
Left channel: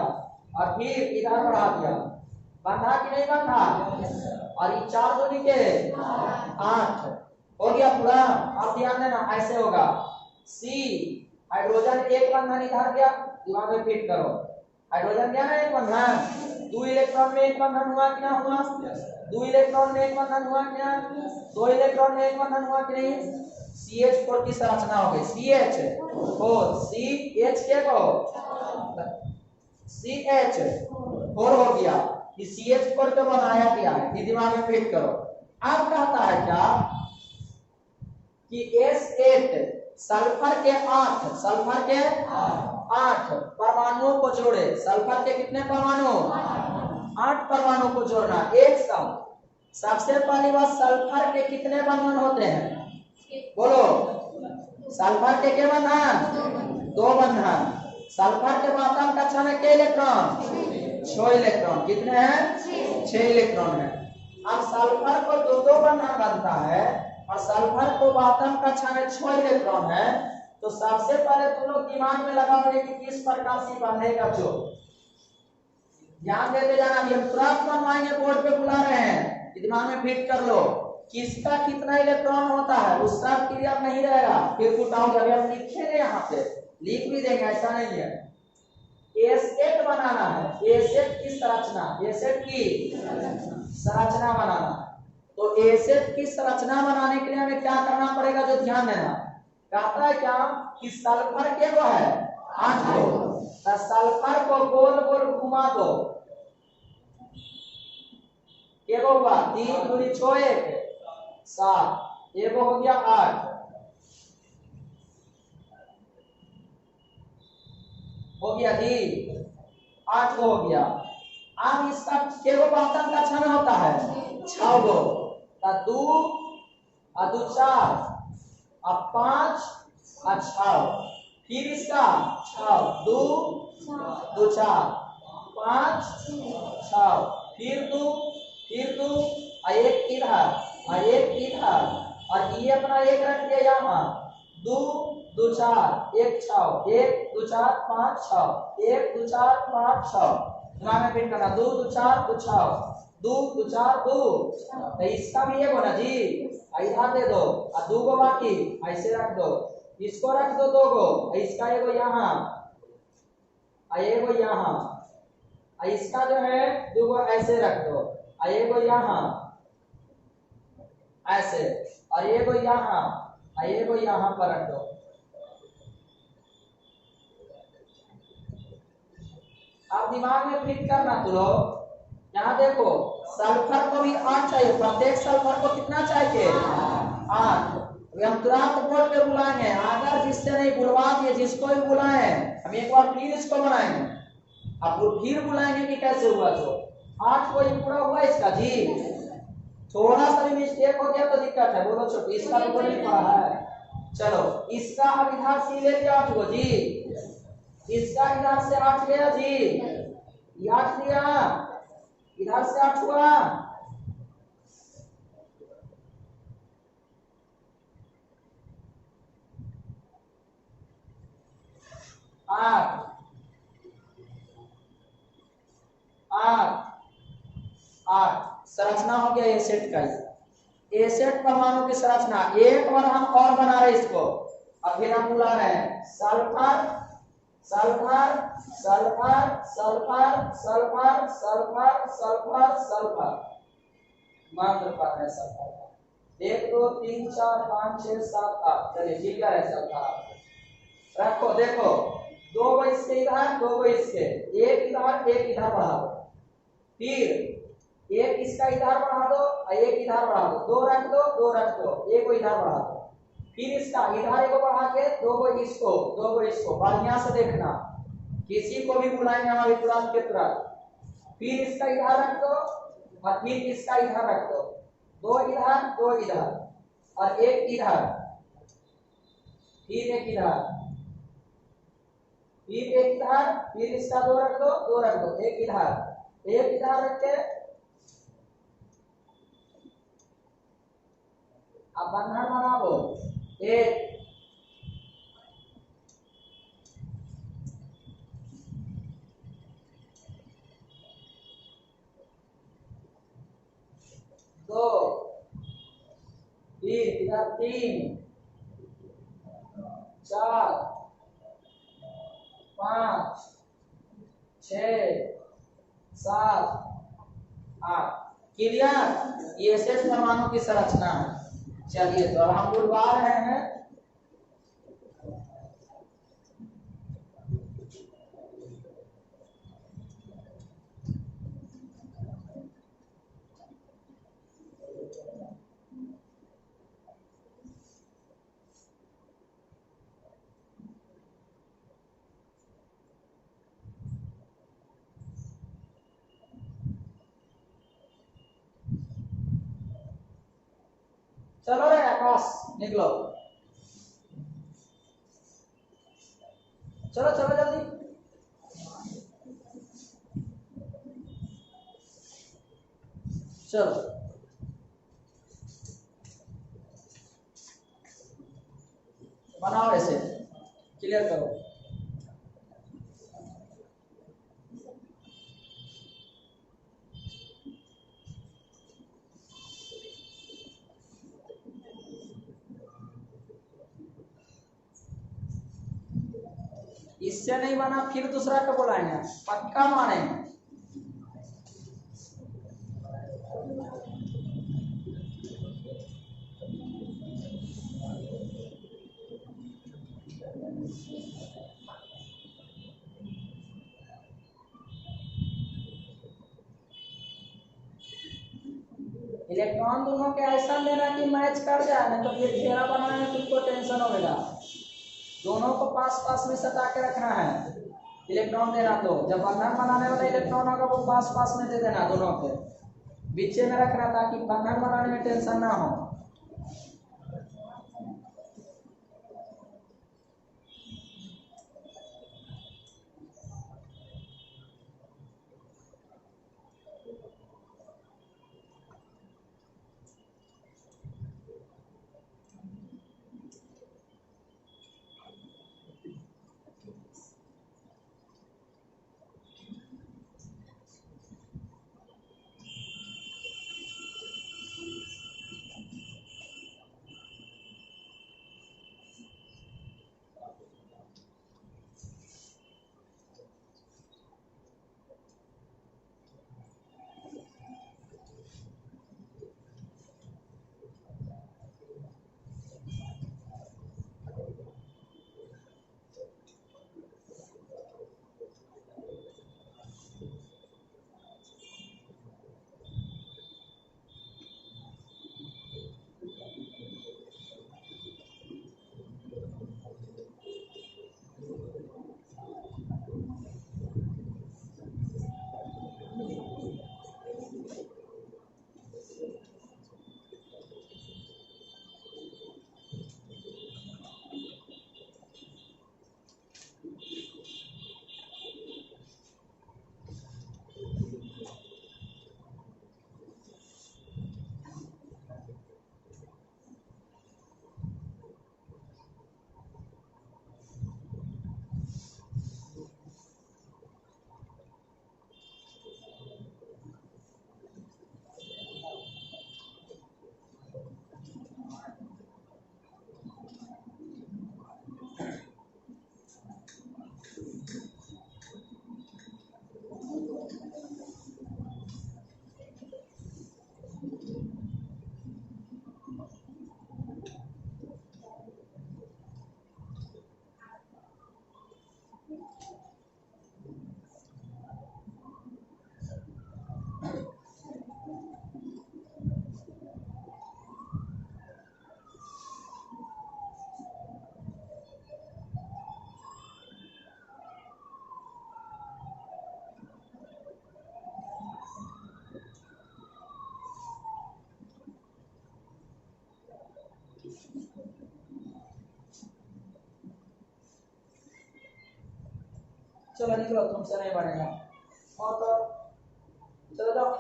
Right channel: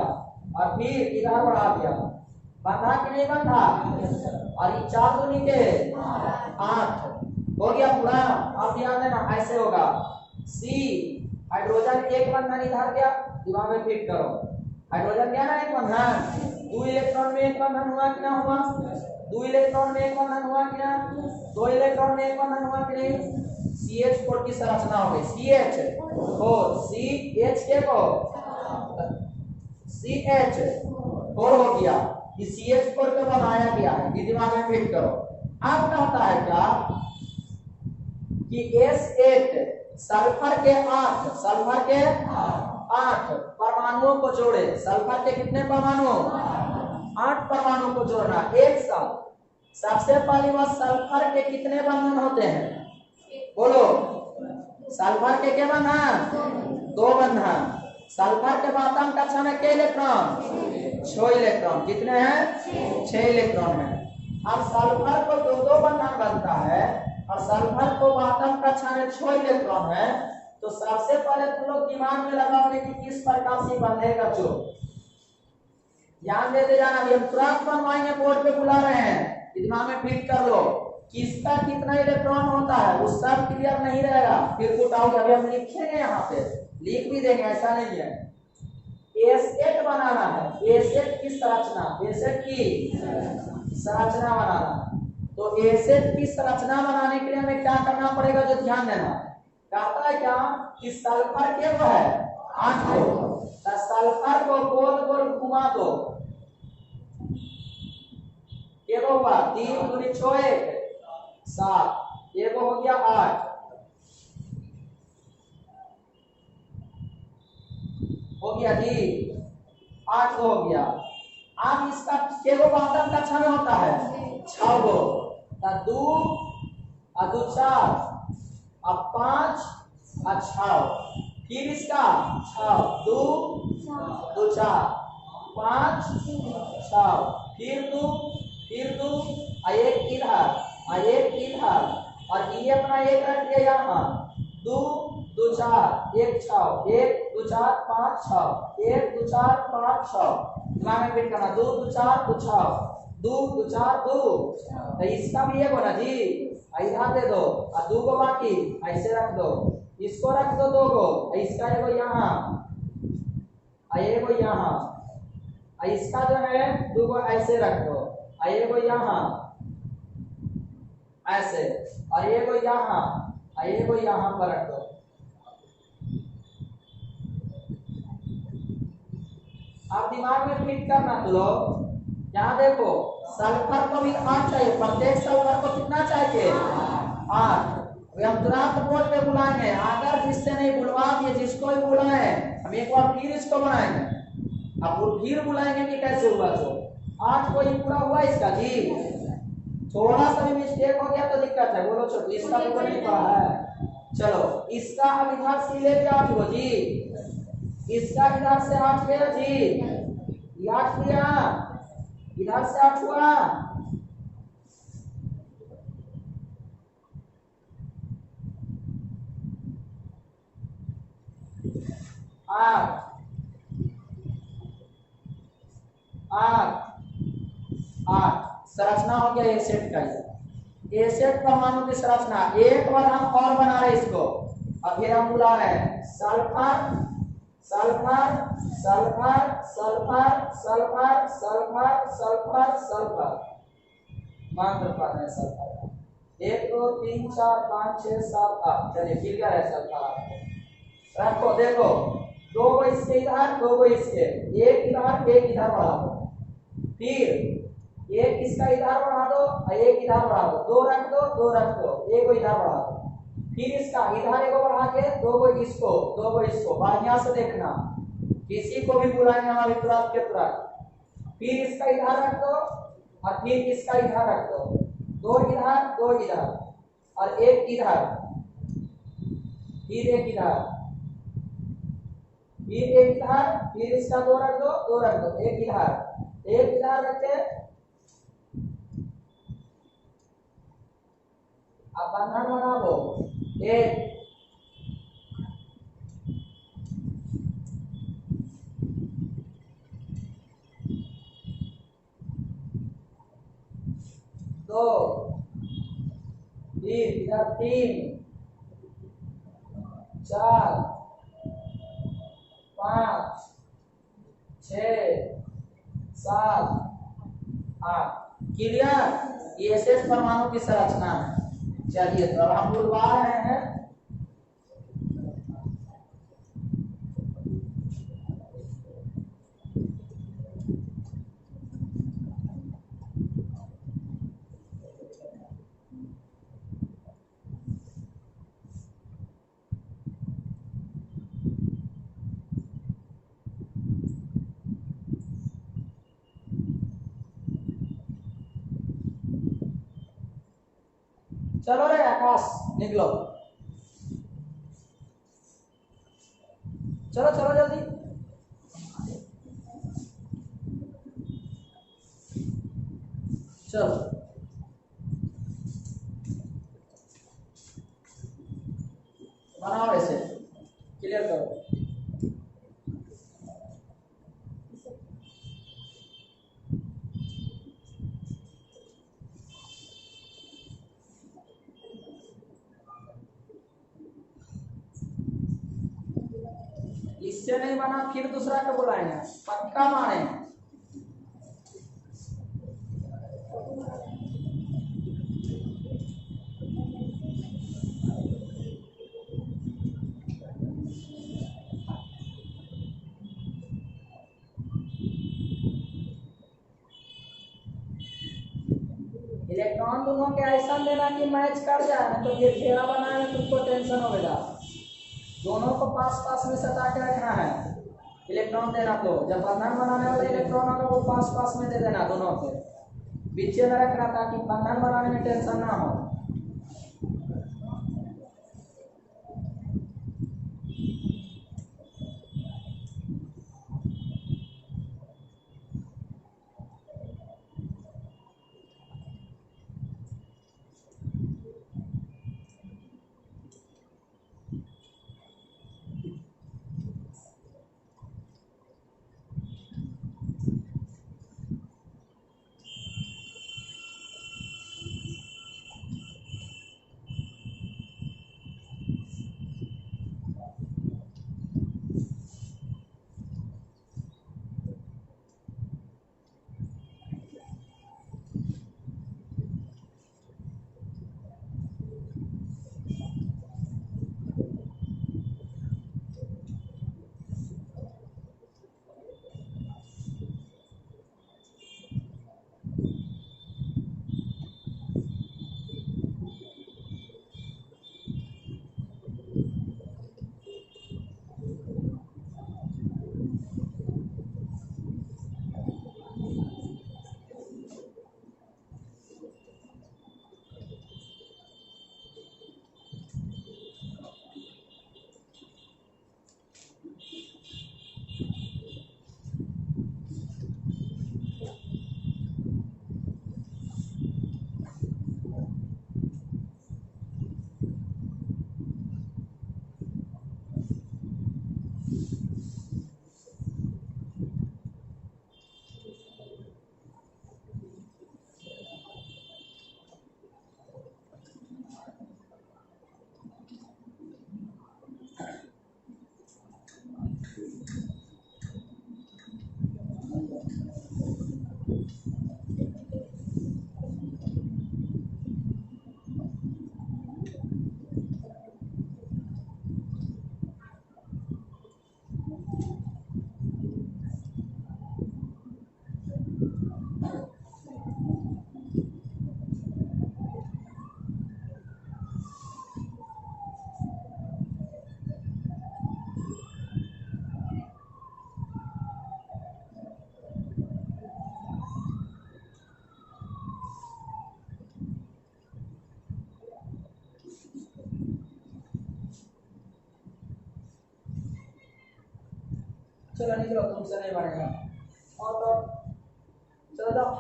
और फिर इधर बढ़ा दिया, बंधा कि नहीं बंधा? और ये 4 दूनी के 8 हो गया पूरा। अब ध्यान देना ऐसे होगा, सी हाइड्रोजन एक बंधन इधर गया, दिमाग में फिट करो, हाइड्रोजन गया ना एक बंधन, 2 इलेक्ट्रॉन में एक बंधन हुआ कि ना हुआ? 2 इलेक्ट्रॉन में एक बंधन हुआ कि ना? 2 इलेक्ट्रॉन में एक बंधन हुआ कि नहीं? CH4 की संरचना हो गई, CH4 CH के को CH4 हो गया, कि CH4 को बनाया गया है, ये दिमाग में फिट करो। अब कहता है क्या कि S8 सल्फर के 8 परमाणुओं को जोड़े। सल्फर के कितने परमाणु? 8 परमाणु को जोड़ना एक साथ। सबसे पहली बात, सल्फर के कितने बंधन होते हैं? बोलो, सल्फर के क्या बंधन? 2 बंधन। सल्फर के आतम कक्षा में कितने इलेक्ट्रॉन? 6 इलेक्ट्रॉन। कितने हैं? 6 इलेक्ट्रॉन है। अब सल्फर को 2 बंधन बनता है और सल्फर को आतम कक्षा में 6 इलेक्ट्रॉन है, तो सबसे पहले तुम लोग दिमाग में लगाओगे कि किस प्रकार से बंधेगा। जो ध्यान देते जाना, हम तुरंत बनवाएंगे, बोर्ड पे बुला रहे हैं, दिमाग में फिट कर लो किसका कितना इलेक्ट्रॉन होता है, वो सब क्लियर नहीं रहेगा, फिर पुट आउट। अभी हम लिखेंगे, यहाँ पे लिख भी देंगे, ऐसा नहीं है। एसेट बनाना है, एसेट की संरचना, एसेट की संरचना बनाना है। तो एसेट की संरचना बनाने के लिए हमें क्या करना पड़ेगा, जो ध्यान देना। कहता है क्या कि सल्फर के वो है 8 को, तो सल्फर को गोल गोल घुमा दो, ये होगा 3 दूनी 6 1 7, ये हो गया 8 हो गया जी, 8 हो गया। अब इसका केगो बंधन कक्षा में होता है 6 गो, 2 और 2 4 और 5 और 6, फिर इसका 6 2 2 4 5 6, फिर 2 और एक इधर और एक इधर, और ये अपना एक रख दिया यहाँ, 2 2 4 1 6 1 2 4 5 6 1 2 4 5 6, दिमाग में फिट करना, 2 2 4 2 6 2 2 4 2, तो इसका भी एक होना जी, इधर दे दो और 2 को बाकी ऐसे रख दो, इसको रख दो 2 को, इसका एगो यहाँ एगो यहाँ, इसका जो है 2 को ऐसे रख दो, एगो यहाँ ऐसे, और एगो यहाँ पर रख दो। अब दिमाग में फिट करना तो लो, यहाँ देखो सल्फर को भी 8 चाहिए, प्रत्येक सल्फर को कितना चाहिए 8। अभी हम तुरंत बोर्ड पे बुलाएंगे, अगर जिससे नहीं बुलवा दिए, जिसको भी बुलाए हम एक बार फिर इसको बनाएंगे, अब फिर बुलाएंगे कि कैसे हुआ। तो 8 को ही पूरा हुआ इसका जी, थोड़ा सा भी मिस्टेक हो गया तो दिक्कत है। बोलो छोटू, इसका तो नहीं पड़ा है। चलो इसका अब इधर से ले लिया 8 को जी, इसका इधर से 8 गया जी, ये 8 लिया, इधर से 8 हुआ, आठ 8 संरचना हो गया एसेट का। एसेट परमाणु की संरचना एक बार हम और बना रहे इसको, अब फिर हम बुला रहे हैं sulphur sulphur sulphur sulphur sulphur sulphur sulphur sulphur, मात्र पर है सल्फर का 1 2 3 4 5 6 7 8। चलिए क्लियर है सल्फर, रखो देखो 2 को इसके इधर 2 को इसके, एक इधर बढ़ा दो, फिर एक इसका इधर बढ़ा दो और एक इधर बढ़ा दो, 2 रख दो 2 रख दो, एक को इधर बढ़ा दो, फिर इसका इधर एक बढ़ा के 2 को इसको बढ़िया से देखना, किसी को भी बुलाएंगे हमारे तुरंत के तुरंत। फिर इसका इधर रख दो और फिर इसका इधर रख दो, 2 इधर और एक इधर, फिर एक इधर, फिर एक इधर, फिर इसका 2 रख दो, एक इधर रख के अब बंधन बनाओ, एक 2, फिर इधर 3, 4, 5, 6, 7, 8। क्लियर? ये शेष परमाणु की संरचना है। चलिए तो अब हम बुलवा रहे हैं चलो रे आकाश निकलो चलो चलो जल्दी चलो बनाओ ऐसे क्लियर करो इससे नहीं बना फिर दूसरा को बुलाएंगे पक्का मानेंगे इलेक्ट्रॉन दोनों के ऐसा देना कि मैच कर जाए ना तो ये घेरा बनाने में तुमको टेंशन होगा दोनों को पास पास में सटा के रखना है इलेक्ट्रॉन देना तो जब बंधन बनाने वाले इलेक्ट्रॉन होगा वो पास पास में दे देना दोनों को बीच में रखना ताकि बंधन बनाने में टेंशन ना हो चलो निकलो तुमसे नहीं बनेगा और तो चलो जाओ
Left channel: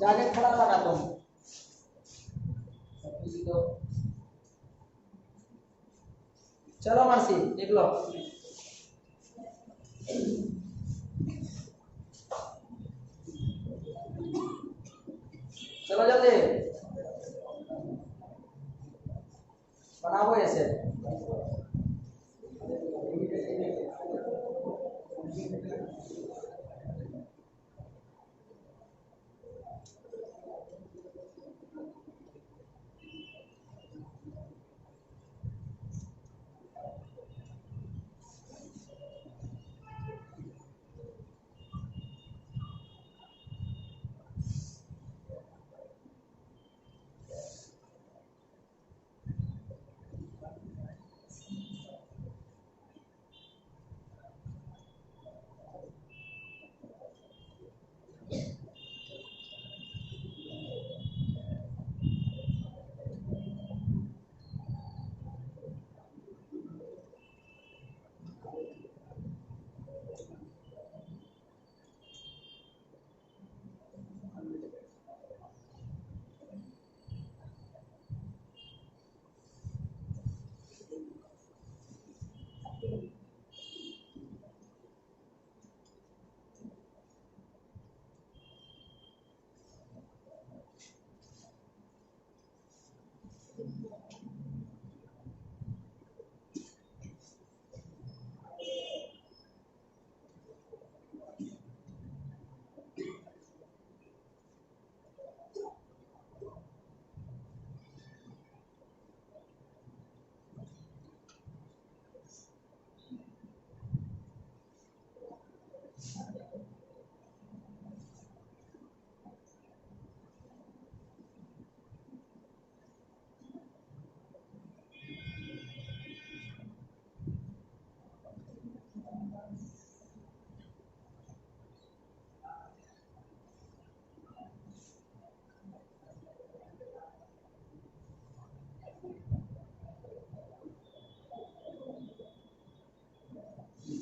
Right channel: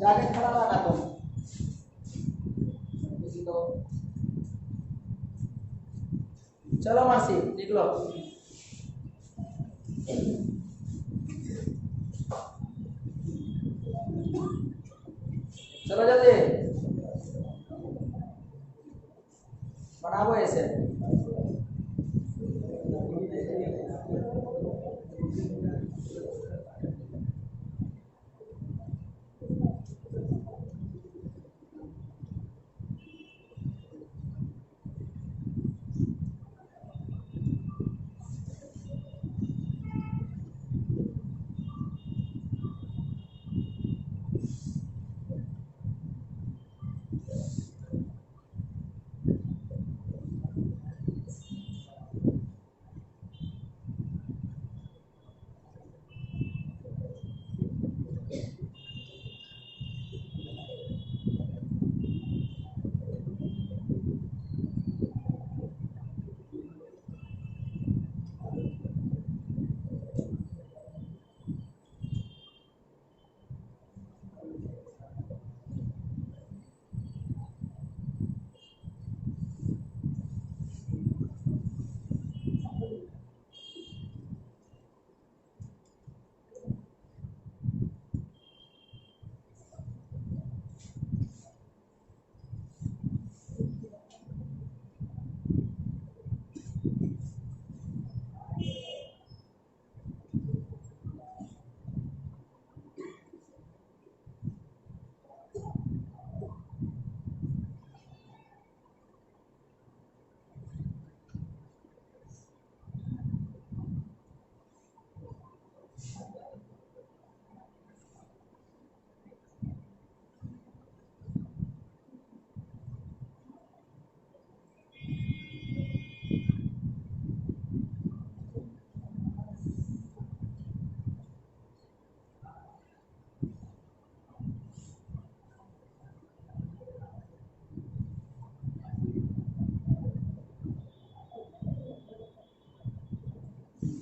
जाके खड़ा रहना तुम किसी को चलो मर्सी निकलो चलो जल्दी बनाओ ऐसे।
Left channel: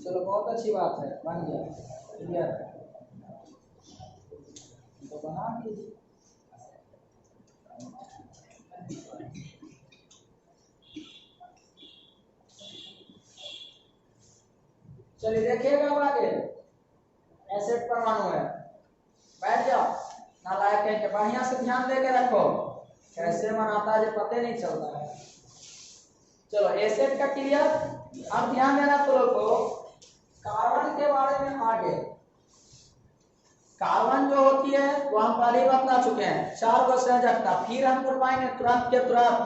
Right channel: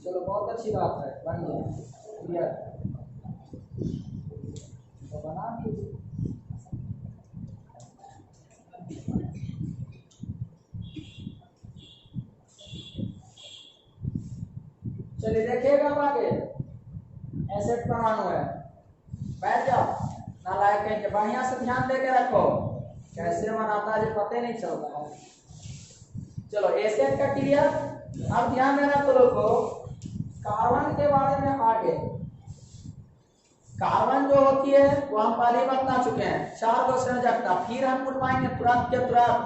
चलो बहुत अच्छी बात है, बन गया क्लियर। तो बना दीजिए। चलिए देखिएगा अब आगे। एसेट परमाणु है, बैठ जाओ नालायक कहीं के, बढ़िया से ध्यान दे के रखो, कैसे बनाता है पता नहीं चलता है। चलो एसेट का क्लियर। अब ध्यान देना तो लोगों, कार्बन के बारे में आगे। कार्बन जो होती है वो हम पहले ही बता चुके हैं, 4 गो संयोजकता, फिर हम बुलवाएंगे तुरंत के तुरंत,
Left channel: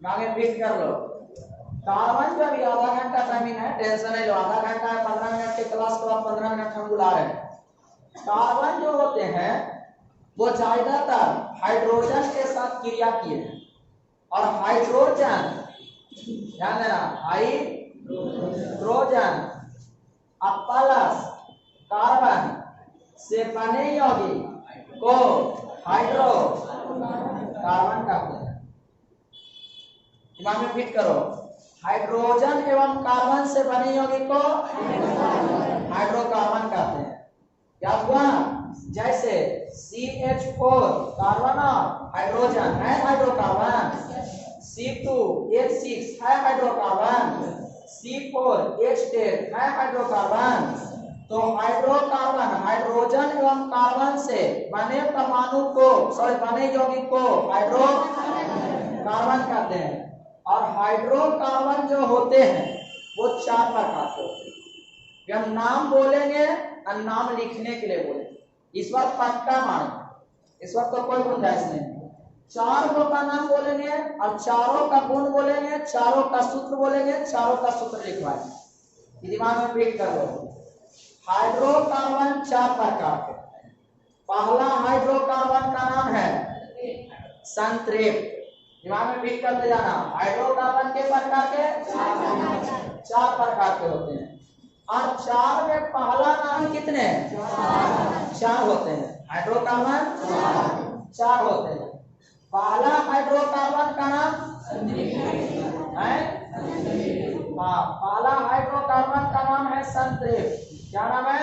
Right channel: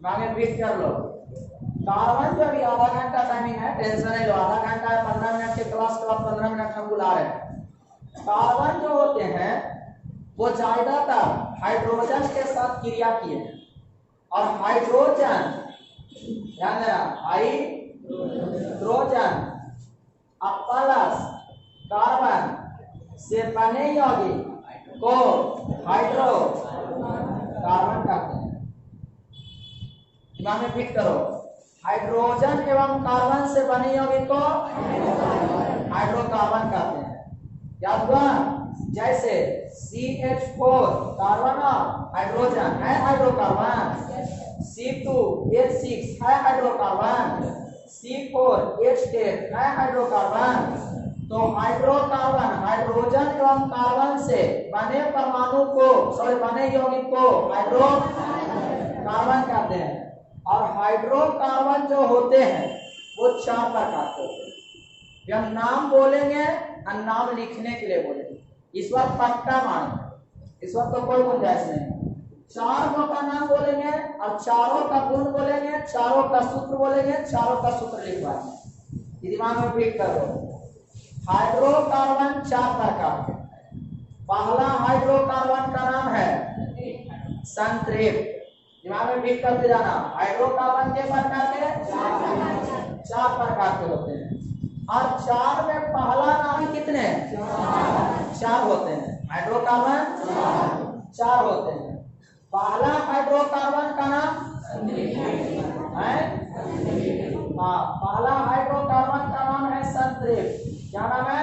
मांगे फिट कर लो। कार्बन जो अभी आधा घंटा टाइमिंग है, टेंशन नहीं लो, आधा घंटा है, 15 मिनट के क्लास के बाद 15 मिनट हम बुला रहे हैं। कार्बन जो होते हैं वो ज्यादातर हाइड्रोजन के साथ क्रिया किए हैं, और हाइड्रोजन ध्यान देना, हाइड्रोजन प्लस कार्बन से बने यौगिक को हाइड्रो कार्बन कहते हैं। दिमाग में फिट करो, हाइड्रोजन एवं कार्बन से बने यौगिक को हाइड्रोकार्बन कहते हैं। याद हुआ? जैसे CH4 कार्बन और हाइड्रोजन है हाइड्रोकार्बन, C2H6 है हाइड्रोकार्बन, C4H10 है हाइड्रोकार्बन। तो हाइड्रोकार्बन हाइड्रोजन एवं कार्बन से बने परमाणु को बने यौगिक को हाइड्रोकार्बन कहते हैं। और हाइड्रोकार्बन जो होते हैं वो 4 प्रकार के होते हैं। हम नाम बोलेंगे और नाम लिखने के लिए बोलेंगे, इस बार पक्का मान, इस वक्त तो कोई गुंजाइश नहीं। 4 गो का नाम बोलेंगे और चारों का गुण बोलेंगे, चारों का सूत्र बोलेंगे, चारों का सूत्र लिखवाएंगे। दिमाग में फिट कर लो। हाइड्रोकार्बन 4 प्रकार के। पहला हाइड्रोकार्बन का नाम है संतृप्त। दिमाग में फिट करते जाना, हाइड्रोकार्बन के प्रकार के 4 प्रकार के होते हैं। और 4 में पहला नाम कितने? 4 होते हैं। हाइड्रोकार्बन 4 होते हैं। पहला हाइड्रोकार्बन का नाम है, पहला हाइड्रोकार्बन का नाम है संतृप्त। क्या नाम है?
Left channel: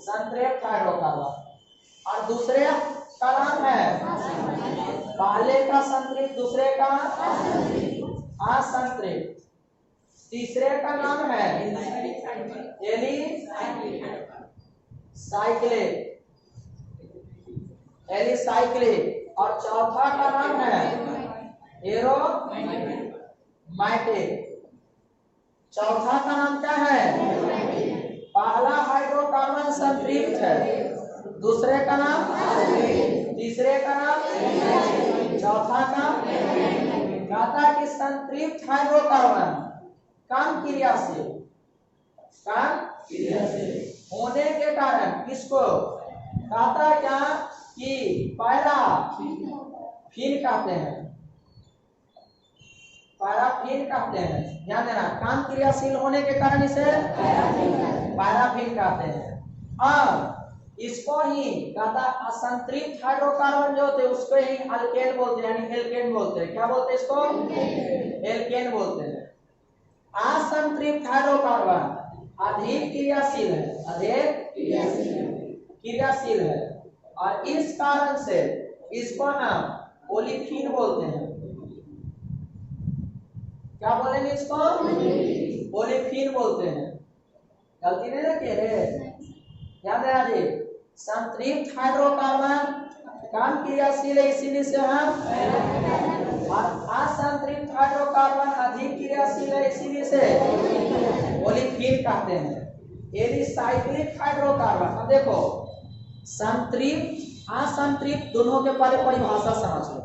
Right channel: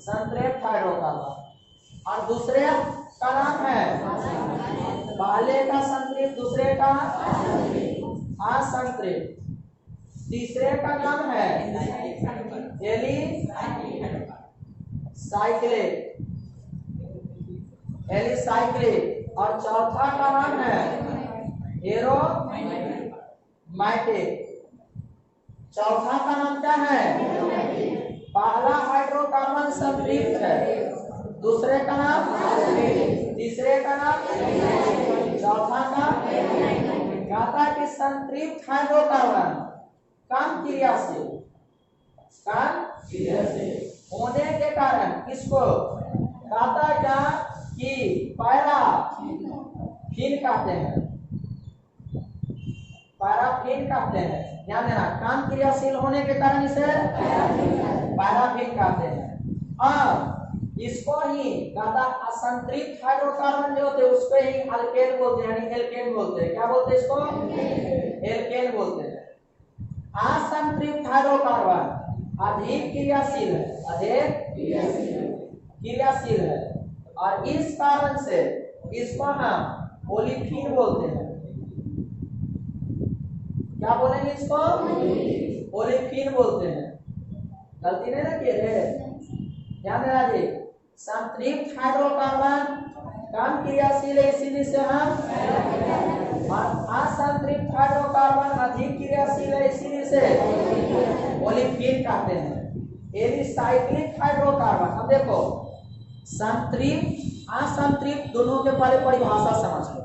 संतृप्त हाइड्रोकार्बन। और दूसरे का नाम है, पहले का संतृप्त, दूसरे का असंतृप्त। तीसरे का नाम है एलिसाइक्लेट। एलिसाइक्लिक। और चौथा का नाम है एरोमैटिक। चौथा का नाम क्या है? पहला हाइड्रोकार्बन संतृप्त है, दूसरे का नाम, तीसरे का नाम, चौथा का। कहता है कि संतृप्त हाइड्रोकार्बन कम क्रियाशील होने के कारण किसको कहता है क्या कि पैराफिन कहते हैं। पैराफिन कहते हैं, ध्यान देना, कम क्रियाशील होने के कारण इसे पैराफिन कहते हैं। और इसको ही कहता असंतृप्त हाइड्रोकार्बन जो होते हैं उसको ही अल्केन बोलते हैं, यानी एल्केन बोलते हैं। क्या बोलते हैं इसको? एल्केन बोलते हैं। असंतृप्त हाइड्रोकार्बन अधिक क्रियाशील है, अधिक क्रियाशील है, और इस कारण से इसको हम ओलिफिन बोलते हैं। क्या बोलेंगे इसको? ओलिफिन बोलते हैं। गलती नहीं ना किए रे, ध्यान देना जी। संतृप्त हाइड्रोकार्बन कम क्रियाशील है, इसीलिए से हम, और असंतृप्त हाइड्रोकार्बन अधिक क्रियाशील है, इसीलिए से ओलिफिन कहते हैं। एलिसाइक्लिक हाइड्रोकार्बन, अब देखो संतृप्त असंतृप्त दोनों के पहले परिभाषा समझ लो।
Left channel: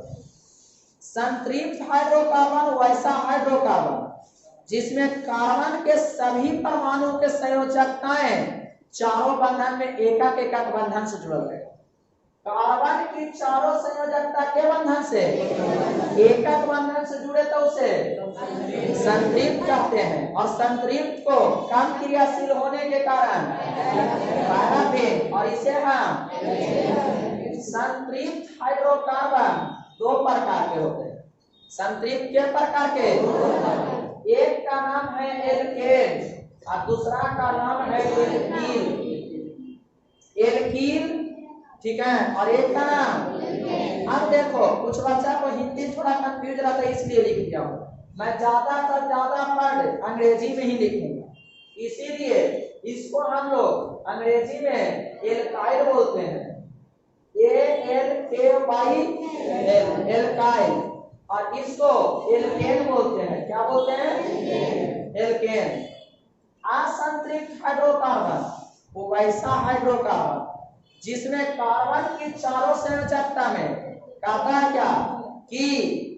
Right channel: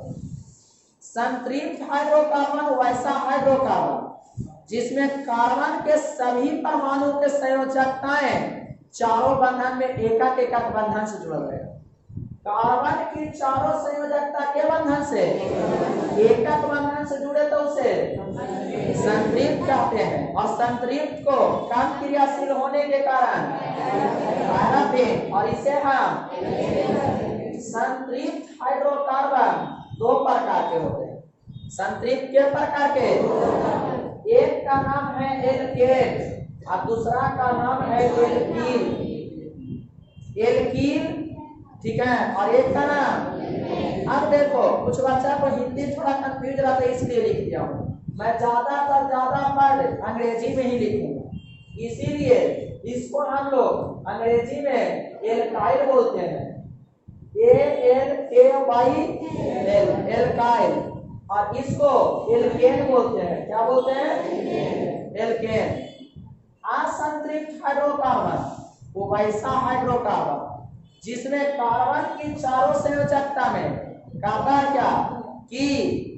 संतृप्त हाइड्रोकार्बन वैसा हाइड्रोकार्बन जिसमें कार्बन के सभी परमाणुओं के संयोजकताएं चारों बंधन में एकक एकक बंधन से जुड़ल है। कार्बन की चारों संयोजकता के बंधन से एकक बंधन से जुड़े तो उसे संतृप्त कहते हैं। और संतृप्त को कम क्रियाशील होने के कारण पैराफिन, और इसे हम संतृप्त हाइड्रोकार्बन दो प्रकार के होते हैं। संतृप्त के प्रकार के, एक का नाम है एल्केन और दूसरा का नाम है एल्कील। एल्कील, ठीक है, और एक का नाम। अब देखो कुछ बच्चा को हिंदी थोड़ा कंफ्यूज रहता है, इसलिए लिख दिया हूँ। मैं ज्यादातर ज्यादा वर्ड अंग्रेजी में ही लिखूंगा, इसीलिए इसको हम लोग अंग्रेजी में एल्काइल बोलते हैं। ALKYL, alkyl. और इसको एल्केन बोलते हैं। क्या बोलते हैं? एल्केन। असंतृप्त हाइड्रोकार्बन वो वैसा हाइड्रोकार्बन जिसमें कार्बन की चारों संयोजकता में कहता है क्या कि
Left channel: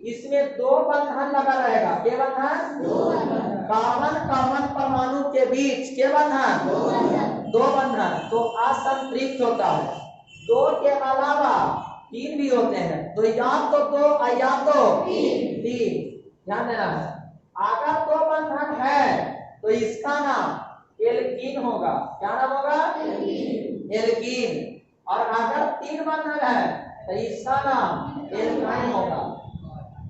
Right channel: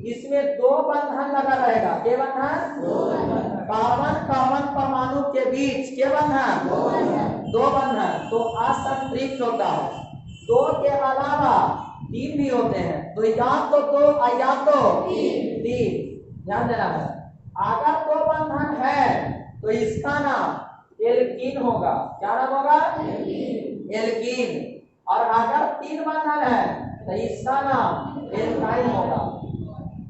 इसमें दो बंधन लगा रहेगा। के बंधन? कार्बन कार्बन परमाणु के बीच के बंधन, दो बंधन, तो असंतृप्त होता है। दो के अलावा तीन भी होते हैं, तो या तो दो या तो तीन। ध्यान देना है, अगर दो बंधन है तो इसका नाम एल्कीन होगा। क्या नाम होगा? एल्कीन। और अगर तीन बंधन है तो इसका नाम एल्काइन होगा।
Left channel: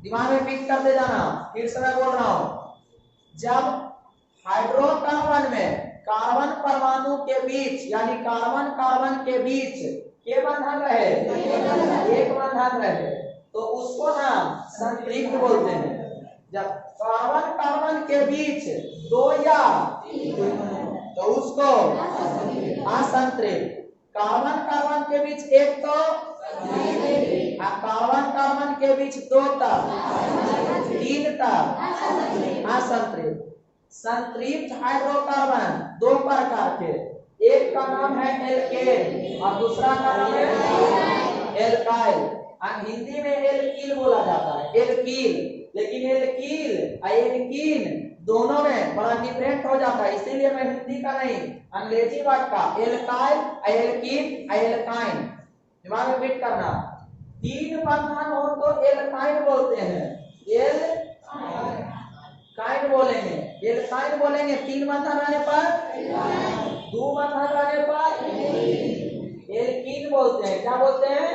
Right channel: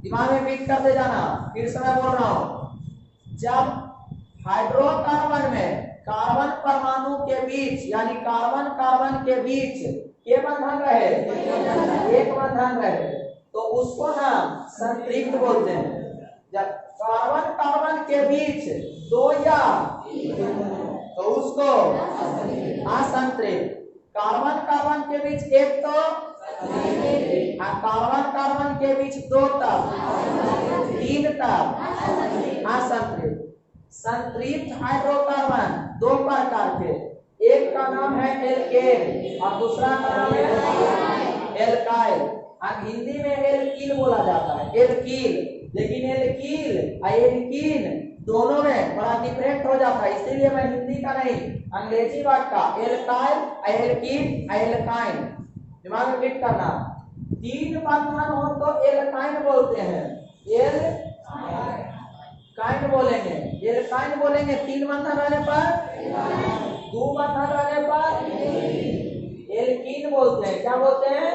दिमाग में फिट करते जाना। फिर से मैं बोल रहा हूं, जब हाइड्रोकार्बन में कार्बन परमाणु के बीच यानी कार्बन कार्बन के बीच के बंधन रहे, एक बंधन रहे, तो उसको हम संतृप्त बोलते हैं। जब कार्बन कार्बन के बीच दो या तो उसको असंतृप्त। कार्बन कार्बन के बीच एक तो, कार्बन कार्बन के बीच दो तब, तीन तब असंतृप्त। संतृप्त हाइड्रोकार्बन दो प्रकार के, एक का नाम है एल्केन और दूसरा का नाम है एल्काइल। हिंदी में एल्कील बोला जाता है, एल्कील। लेकिन एल्कील और एल्कीन दोनों में बड़ा डिफरेंट हो जाता है, इसीलिए मैं हिंदी का नहीं अंग्रेजी वर्ड का एल्काइल, एल्कीन, एल्काइन दिमाग में फिट करना। तीन बंधन हो तो एल्काइन बोलते हैं, एल्काइन बोलेंगे, एल्काइन बोलेंगे। तीन बंधन रहने पर, दो बंधन रहने पर एल्कीन बोलते हैं। क्या बोलते हैं?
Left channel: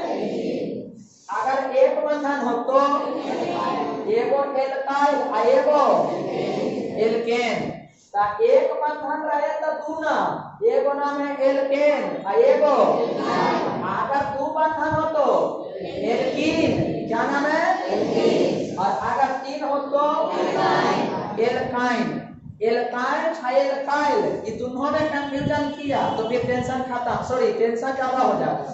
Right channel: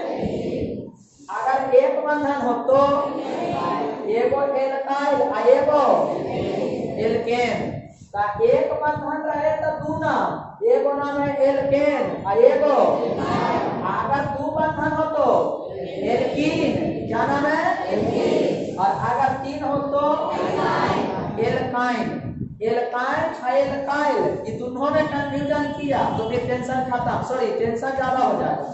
अगर एक बंधन हो तो एगो एल्काइल और एगो एल्केन। एक बंधन रहे तो दो नाम, एगो नाम है एल्केन और एगो। अगर दो बंधन हो तो एल्कीन, क्या नाम है? और अगर तीन हो तो एल्काइन। एल्काइन और एल्काइल ये दोनों में कंफ्यूजन किया तो फिर टेंशन खत्म, सॉरी टेंशन ज्यादा हो जाएगा।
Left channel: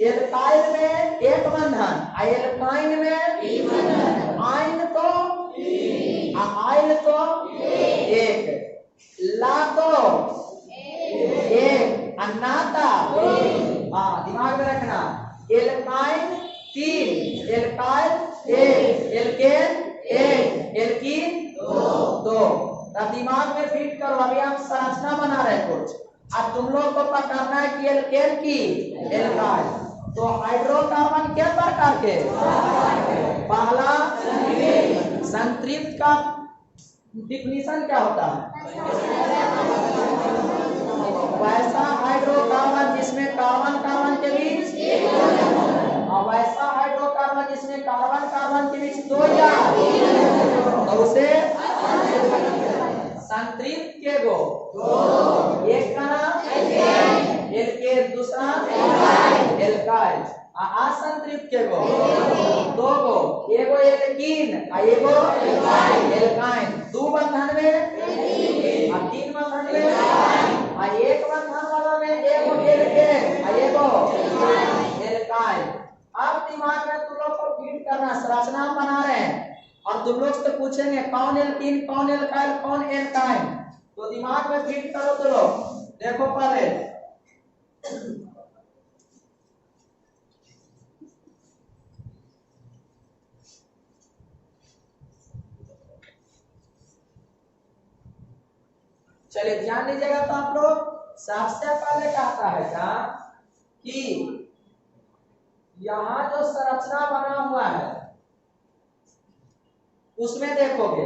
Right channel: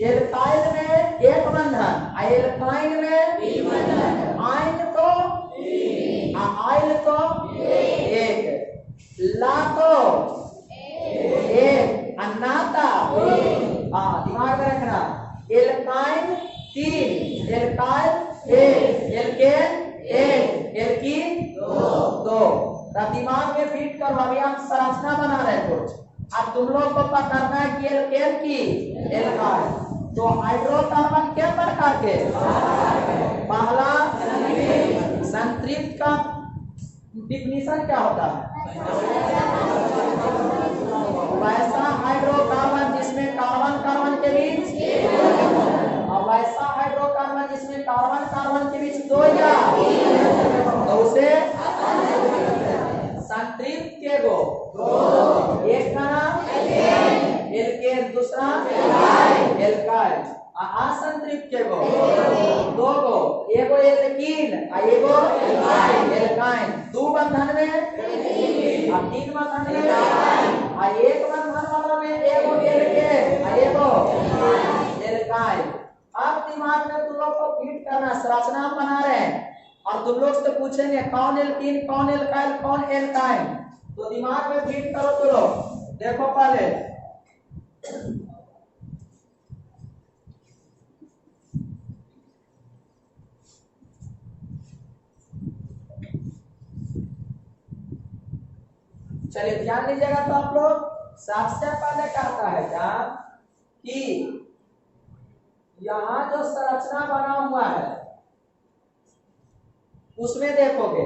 एल्काइल में एक बंधन, एल्काइन में आइन तो आइल तो एक, ला तो एक, अन्नाता हाँ दिमाग में रखना। Alkyne 3, alkyl 1, alkane 1, alkene 2। दिमाग में फिट करो। अभी हम संरचना बना रहे हैं कुछ, अब तुम लोग को पकड़ना है कि एल्केन की एल्काइल। तो हाइड्रोकार्बन क्या प्रकार के? पहला संतृप्त का डिफिनीशन क्या होता है? वैसा हाइड्रोकार्बन जिसमें कार्बन कार्बन के बीच, और वैसा हाइड्रोकार्बन जिसमें कार्बन कार्बन के बीच 2 या तो उसे संतृप्त के गो। एक का नाम एल्केन, दूसरा एल्काइल। असंतृप्त के गो 2 गो, एगो एल्कीन एगो एल्काइन। 2 बंधन में 3 बंधन में, 1 बंधन वाला में एगो एल्केन एगो एल्काइन। अब दिमाग में तुम लोग को फिट करना, संरचना बना रहे हैं और तुम लोग से पूछेंगे कौन एल्कीन, कौन एल्काइल, कौन एल्काइन। तो दिमाग में फिट करो। तो लोग देखो पहले चलिए ध्यान दीजिएगा। तो आप लोग सबसे पहले कहता है क्या कि यहां जो संरचना बना हुआ है उसमें देखोगे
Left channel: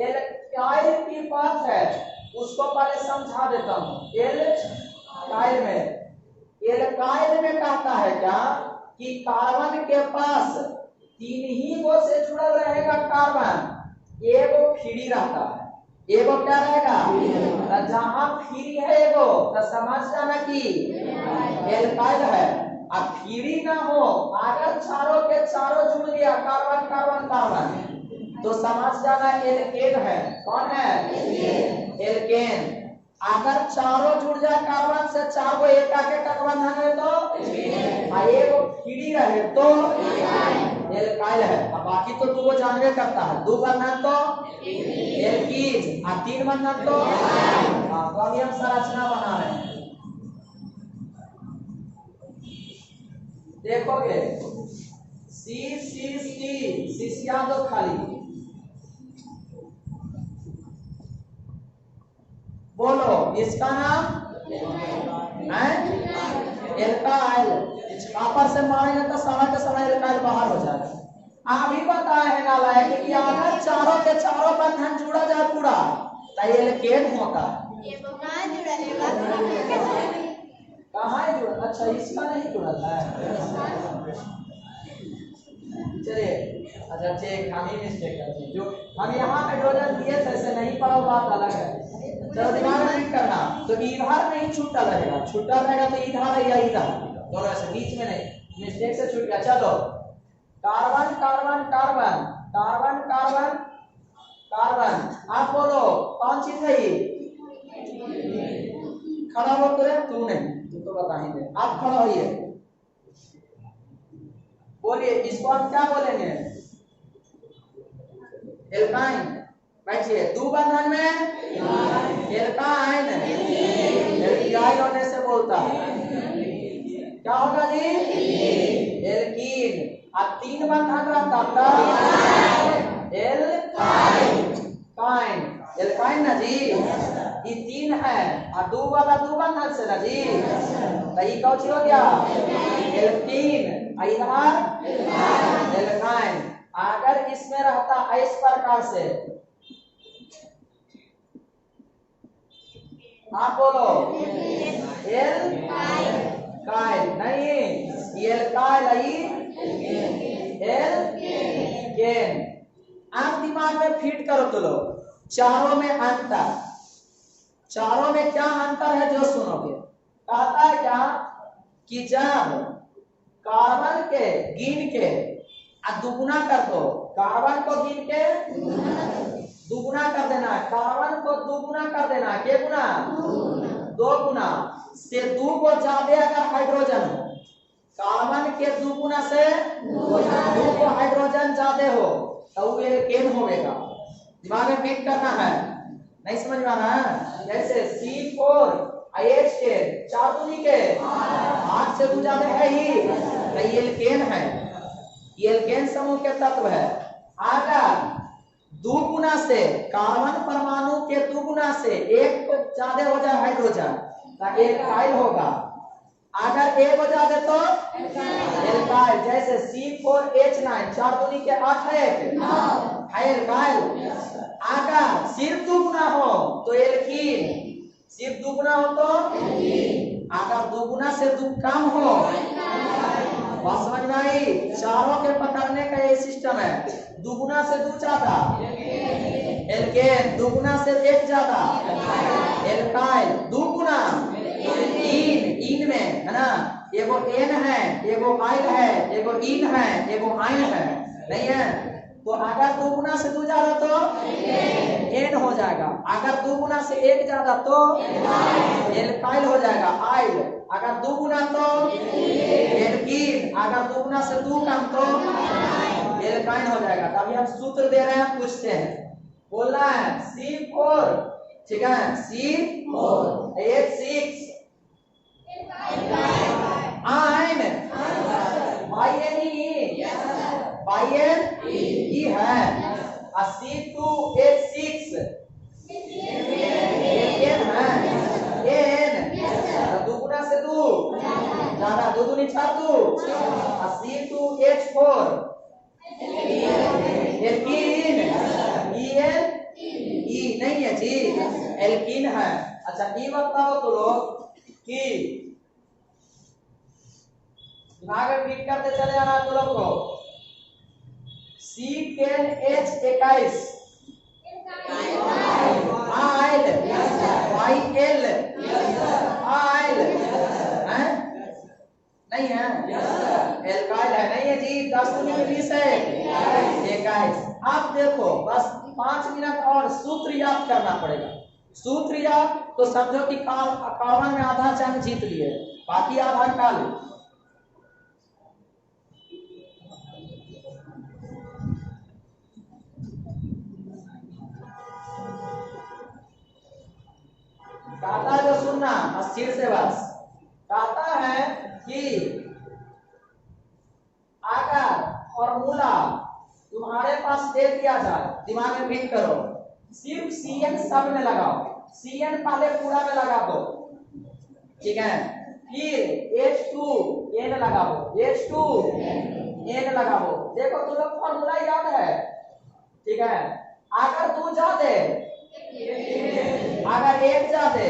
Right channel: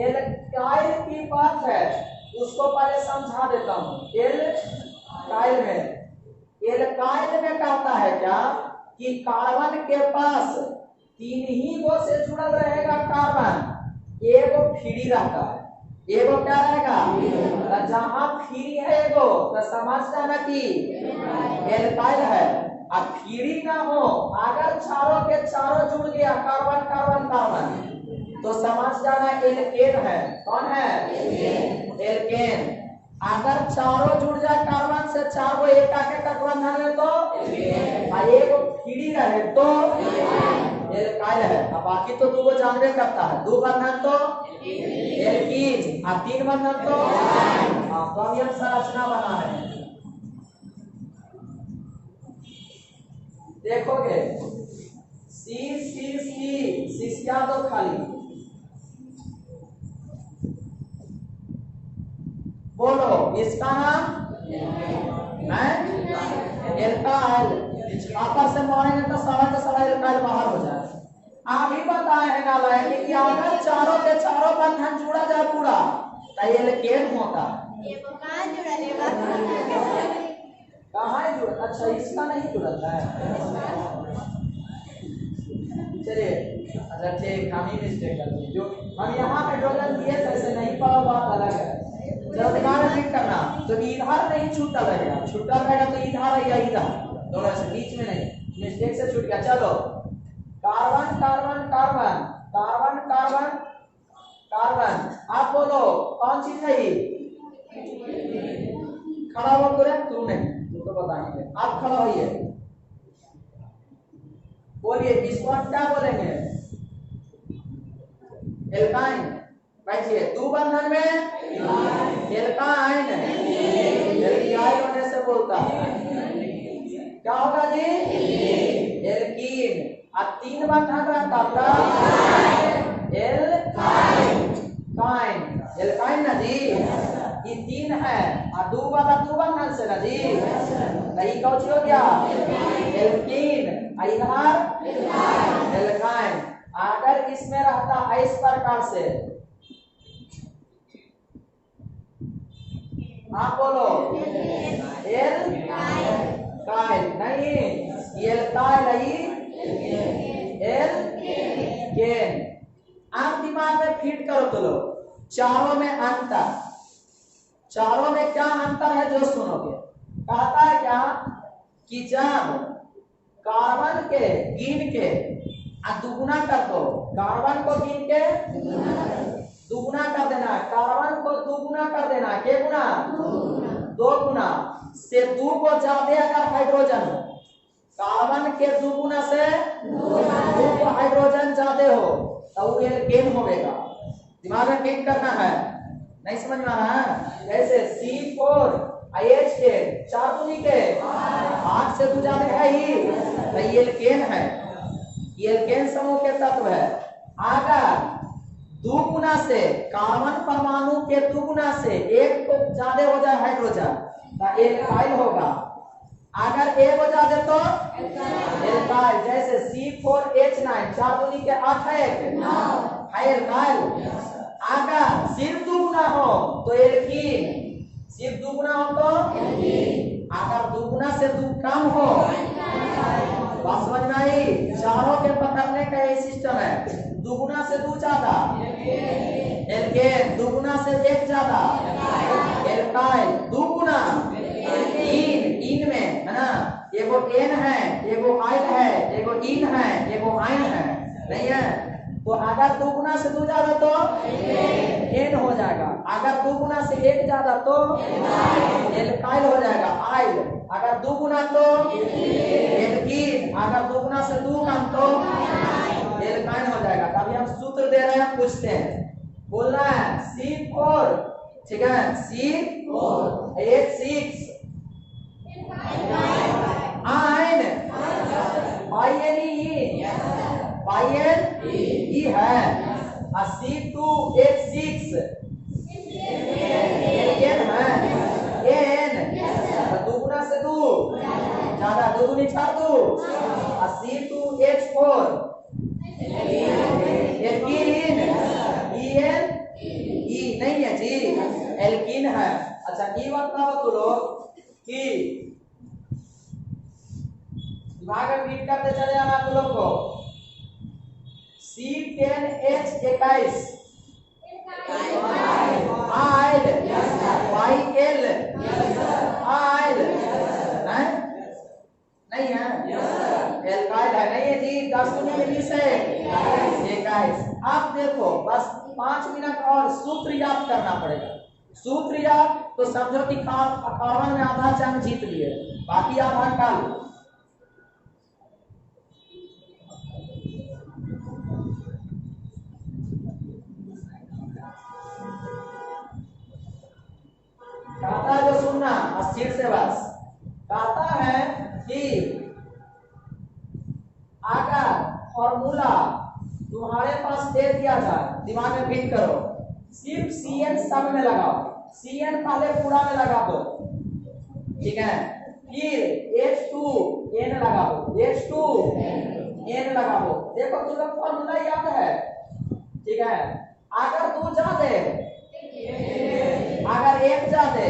एल्काइल की बात है, उसको पहले समझा देता हूं। एल्काइल में कहता है क्या कि कार्बन के पास 3 ही गो से जुड़ल रहेगा कार्बन, एगो फ्री रहता है। एगो क्या रहेगा? तो जहां फ्री है एगो तो समझ जाना कि एल्काइल है। अब फ्री ना हो, अगर चारों के चारों जुड़ गया कार्बन कार्बन कार्बन तो समझ जाना एल्केन है। कौन है? एल्केन। अगर चारों जुड़ जाए कार्बन से 4 गो एक आके बंधन है तो एगो फ्री रहे तो एल्काइल है। अब बाकी तो 2 गो जानबे करता है। 2 बंधन तो एल्कीन और 3 बंधन तो तो हम संरचना बना रहे हैं। देखोगे सी दो खाली, बोलो इसका नाम है एल्काइल। ऊपर से मारेंगे तो सारा का सारा एल्काइल बाहर हो जाए। अभी बताया है नाला कि अगर चारों के चारों बंधन जुड़ा जाए पूरा तो एल्केन होता है। ये वो कहाँ जुड़ा है? कहाँ है जुड़ा? अच्छा इसका नहीं जुड़ा है। चलिए अच्छा ठीक, हम ही मिस्टेक करते हैं। जो हम यहाँ हाइड्रोजन दिए थे ऐसे नहीं पड़ा, बात अलग है। चलो दिमाग में फिट करना। तो इधर नहीं छूटा रहेगा, छूटा रहेगा तो इधर या इधर, दोनों से बीच में नहीं। मिस्टेक से छूट गया। चलो carbon carbon carbon carbon carbon carbon. आप बोलो कौन चीज है ये? खड़ा हो करे तू नहीं, तू तो बता नहीं दे। आप खड़ा होइए, बोलिए इसको हम क्या बोलेंगे? एल्काइन। बैठिए। 2 बंधन में एल्काइन, एल्काइल होने से बोलता है क्या होगा जी? एल्कीन। अब 3 बंधन रहता था एल्काइन, एल्काइन ना जी। ये 3 है और 2 वाला 2 बंधन से ना जी, तो ये कौन हो गया? एल्कीन। इधर एल्काइन। अगर इसमें रहता इस प्रकार से, आप बोलो एल्काइल नहीं, एल्काइल एल्केन। आप दिमाग में फिट करो। तो लो चारों में अंतर, चारों में क्या अंतर है जो सुनोगे। कहता है क्या कि जब कार्बन के गिन के दुगुना कर दो, कार्बन को गिन के दुगुना कर देना, कार्बन को दुगुना कर देना। के गुना? 2 गुना से 2 को ज्यादा अगर हाइड्रोजन हो कार्बन के दुगुना से दो हाइड्रोजन ज्यादा हो तो वो एल्केन होगा। दिमाग में फिट करना है, नहीं समझ में आ रहा है? जैसे C4H10 चार दूनी के 8 से दो ज्यादा है ही तो ये एल्केन है, ये एल्केन समूह के तत्व है। अगर दुगुना से कार्बन परमाणु के दुगुना से एक तो ज्यादा हो जाए हाइड्रोजन तो एल्काइल होगा, अगर एक हो जाए तो एल्काइल। जैसे C4H9 चार दूनी के 8 है एल्काइल। अगर सिर्फ दुगुना हो तो एल्कीन, सिर्फ दुगुना हो तो अगर दुगुना से दो कम हो, बात समझ में आई? चारों के पकड़ने का ये सिस्टम है। दुगुना से दो ज्यादा एल्केन, दुगुना से एक ज्यादा एल्काइल, दुगुना इन में है ना, एगो एन है, एगो आइन है, एगो इन है, एगो आइन है, नहीं है? तो अगर दुगुना से दो ज्यादा तो एन हो जाएगा, अगर दुगुना से एक ज्यादा तो एल्काइल हो जाएगा आइल, अगर दुगुना तो एल्कीन, अगर दुगुना से दो कम तो एल्काइन हो जाएगा। तभी हम सूत्र दे रहे हैं, पूछते हैं, बोलना है C4, ठीक है, C4H6 आइन INE है, C2H6 एन है, एन दुगुना से दो ज्यादा, दो दूनी चार दो, C2H4 एल्कीन, EN ई नहीं है जी, एल्कीन है। अच्छा ये बताओ तो लोग कि दिमाग में फिट करते चले आना तुम लोग को, C10H21 आइल YL आइल है, नहीं है? एल्काइल है, नहीं है जी, 10 में 20 है 21। आप देखो बस 5 मिनट और सूत्र याद करना पड़ेगा। सूत्र याद तो समझो कि कार्बन में आधा जंग जीत लिए, बाकी आधा काल। कहता है जो सुनना अस्थिर से बस, कहता है कि अगर फॉर्मूला तुम्हारे पास दे दिया जाए, दिमाग में फिट करो, सिर्फ CN सब में लगाओ, CN पहले पूरा में लगा दो, ठीक है, फिर H2N लगा दो, H2N लगा दो। देखो तुम लोग फॉर्मूला याद है, ठीक है? अगर दो ज्यादा, अगर एक ज्यादा,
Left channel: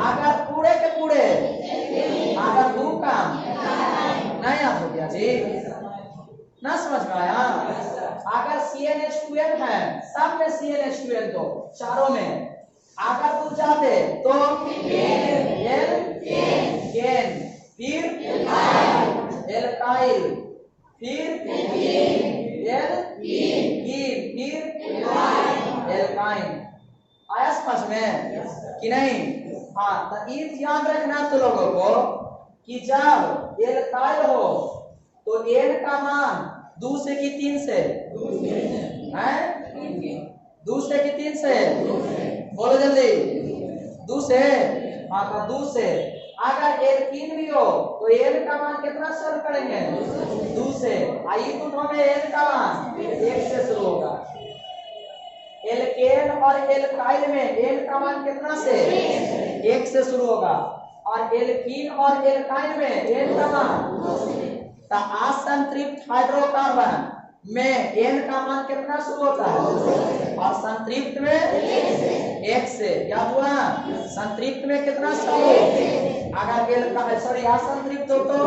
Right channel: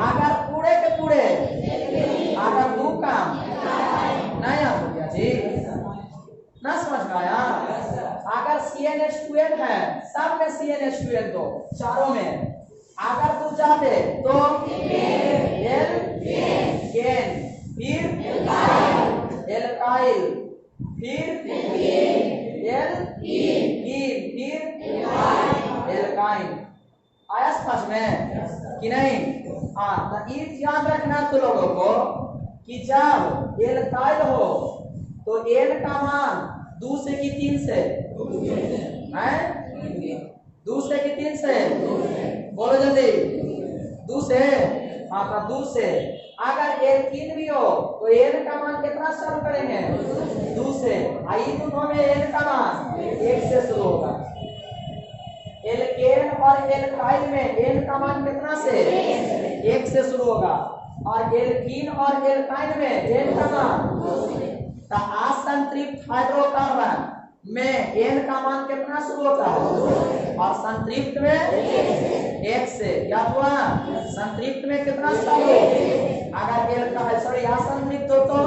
अगर पूरे के पूरे, अगर दो कम, नहीं याद हो गया जी, ना समझ में आया? अगर CnH2n है, सब में CnH2n दो, चारों में, अगर दो ज्यादा तो एल्केन, फिर एल्काइल, फिर एल्कीन, फिर एल्काइन। आया समझ में कि नहीं? हाँ, तो ये ध्यान रखना तो लोगों को कि जब एल्काइल हो तो एन का मान 2 से कि 3 से है, 2 से कि 3 से, बोलो जल्दी, 2 से, हाँ तो 2 से। अगर एल्कीन भी हो तो एन का मान कितना शुरू करेंगे? 2 से। आई दोनों में एन का मान 1 से शुरू होगा। एल्केन और एल्काइल में एन का मान कितना से? 1 से शुरू होगा, और एल्कीन और एल्काइन में एन का मान, असंतृप्त हाइड्रोकार्बन में एन का मान कितना शुरू होता है? और संतृप्त में 1 से। क्या हुआ? संतृप्त में कितना शुरू? अगर एल्काइल सॉरी असंतृप्त हो तो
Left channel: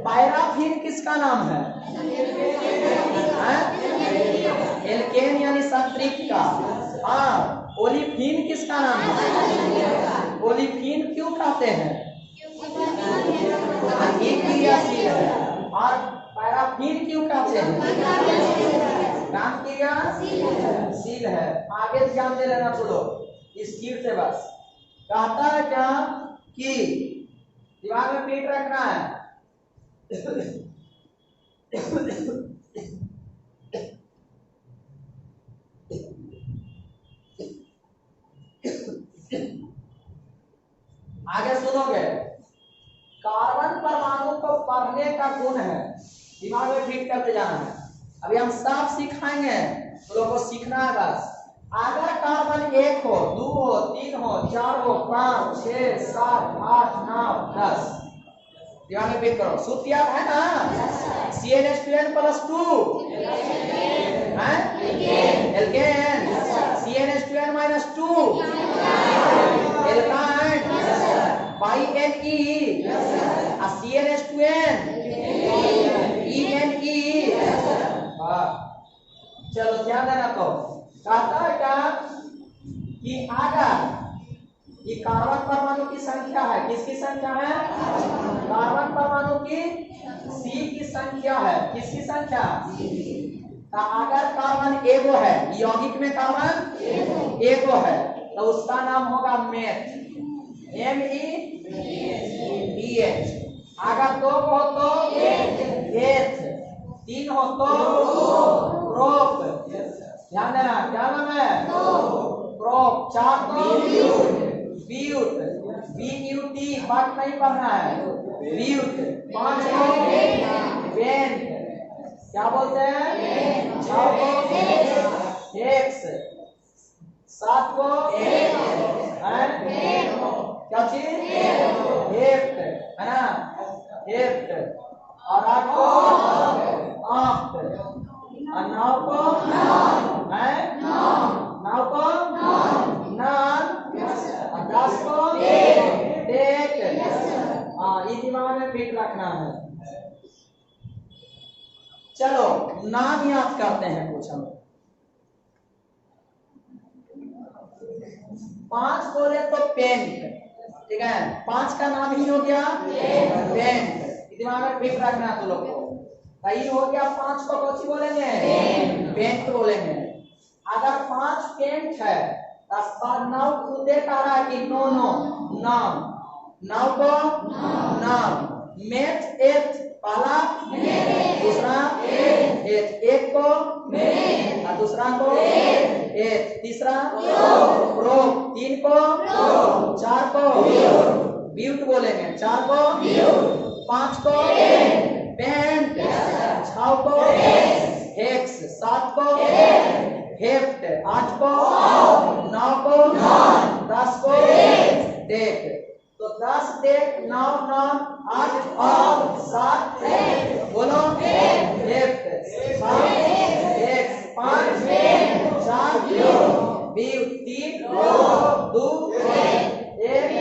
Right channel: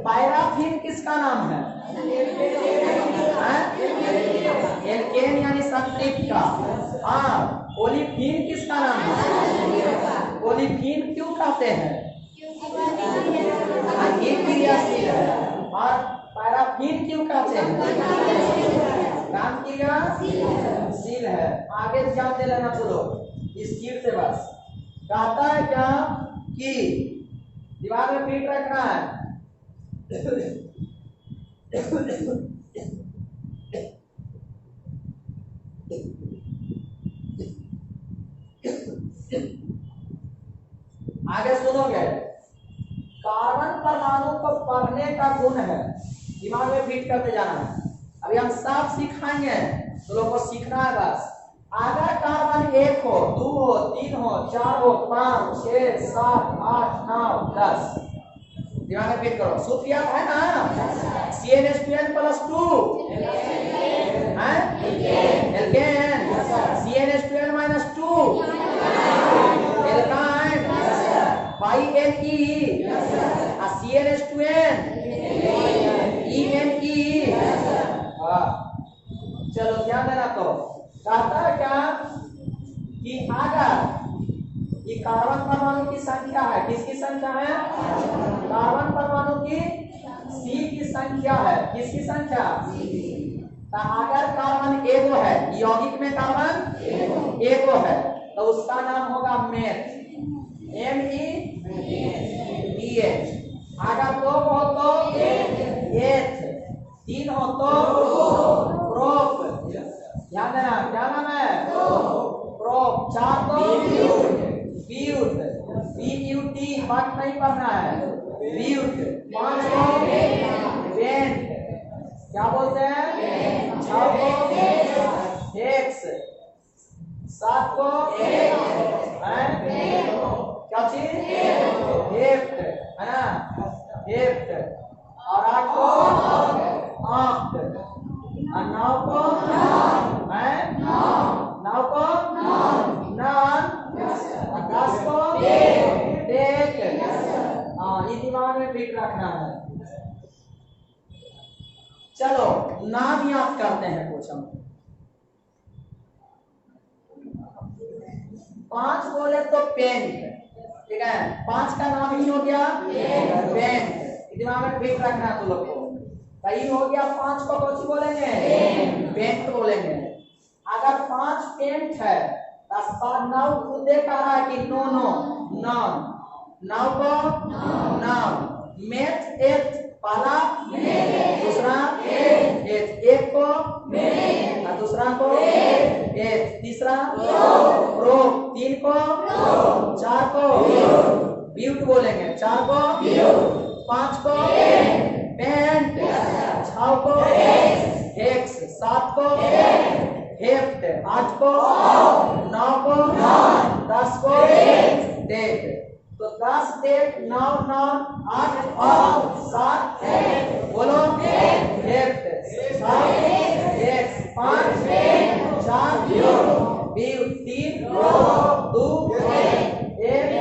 पैराफिन किसका नाम है? एल्केन यानी संतृप्त का। हाँ, ओलिफिन किसका नाम है? ओलिफिन क्यों कहते हैं? ये क्रियाशील है। और पैराफिन क्यों कहते हैं? काम क्रियाशील है। आगे ध्यान दे लेना चलो स्थिर से बस। कहता है क्या कि दिमाग में फिट रखना है आगे सुनोगे, कार्बन परमाणु को पढ़ने का गुण है, दिमाग में फिट करते जाना है। अभी हम सब सिखाएंगे तो लोगों को सीखना है बस। अगर कार्बन 1 हो, 2 हो, 3 हो, 4 हो, 5, 6, 7, 8, 9, 10, दिमाग में फिट करो। सूत्र याद है ना? CnH2n + 2 है alkene, CnH2n - 2 alkyne, Ne, CnH2n, ENE। चलो ध्यान देना। तो कहता है क्या कि अगर ये कार्बन परमाणु की संख्या है, किसकी संख्या है? कार्बन परमाणु की C की संख्या है। किसकी संख्या? तो अगर कार्बन एगो है, यौगिक में कार्बन एगो है, तो उसका नाम होगा मेथ, METH। अगर 2 हो तो एथ, 3 हो तो प्रोप। ध्यान देना, क्या नाम है? प्रोप। 4 तो ब्यूट, BUT, बात नहीं पढ़ना है, ब्यूट। 5 को बेंट, क्या बोलते हैं? 6 को हेक्स, 7 को क्या चीज? हेप्ट, है ना? हेप्ट। और 8 को ऑक्ट, और 9 को है, 9 को नॉन, और 10 को टेक। हाँ, ये दिमाग में फिट रखना है। चलो नाम याद करते हैं कुछ हम। 5 बोले तो पेंट, ठीक है? 5 का नाम ही हो गया पेंट। दिमाग में फिट रखना है तो लोग को। कहीं हो गया 5 को कौन सी बोलेंगे? पेंट बोलेंगे। अगर 5 पेंट है तो 9 खुदे कह रहा है कि नो नो नाम, 9 को नाम। मेथ एथ, पहला दूसरा एथ, 1 को और दूसरा को एथ, तीसरा प्रोप, 3 को 4 को ब्यूट बोलेंगे, 4 को 5 को पेंट, 6 को हेक्स, 7 को हेप्ट, 8 को 9 को 10 को डेक। तो 10 डेक, 9 9, 8 और 7 बोलो hept, 6 hex, 5 4 but, 3 2 1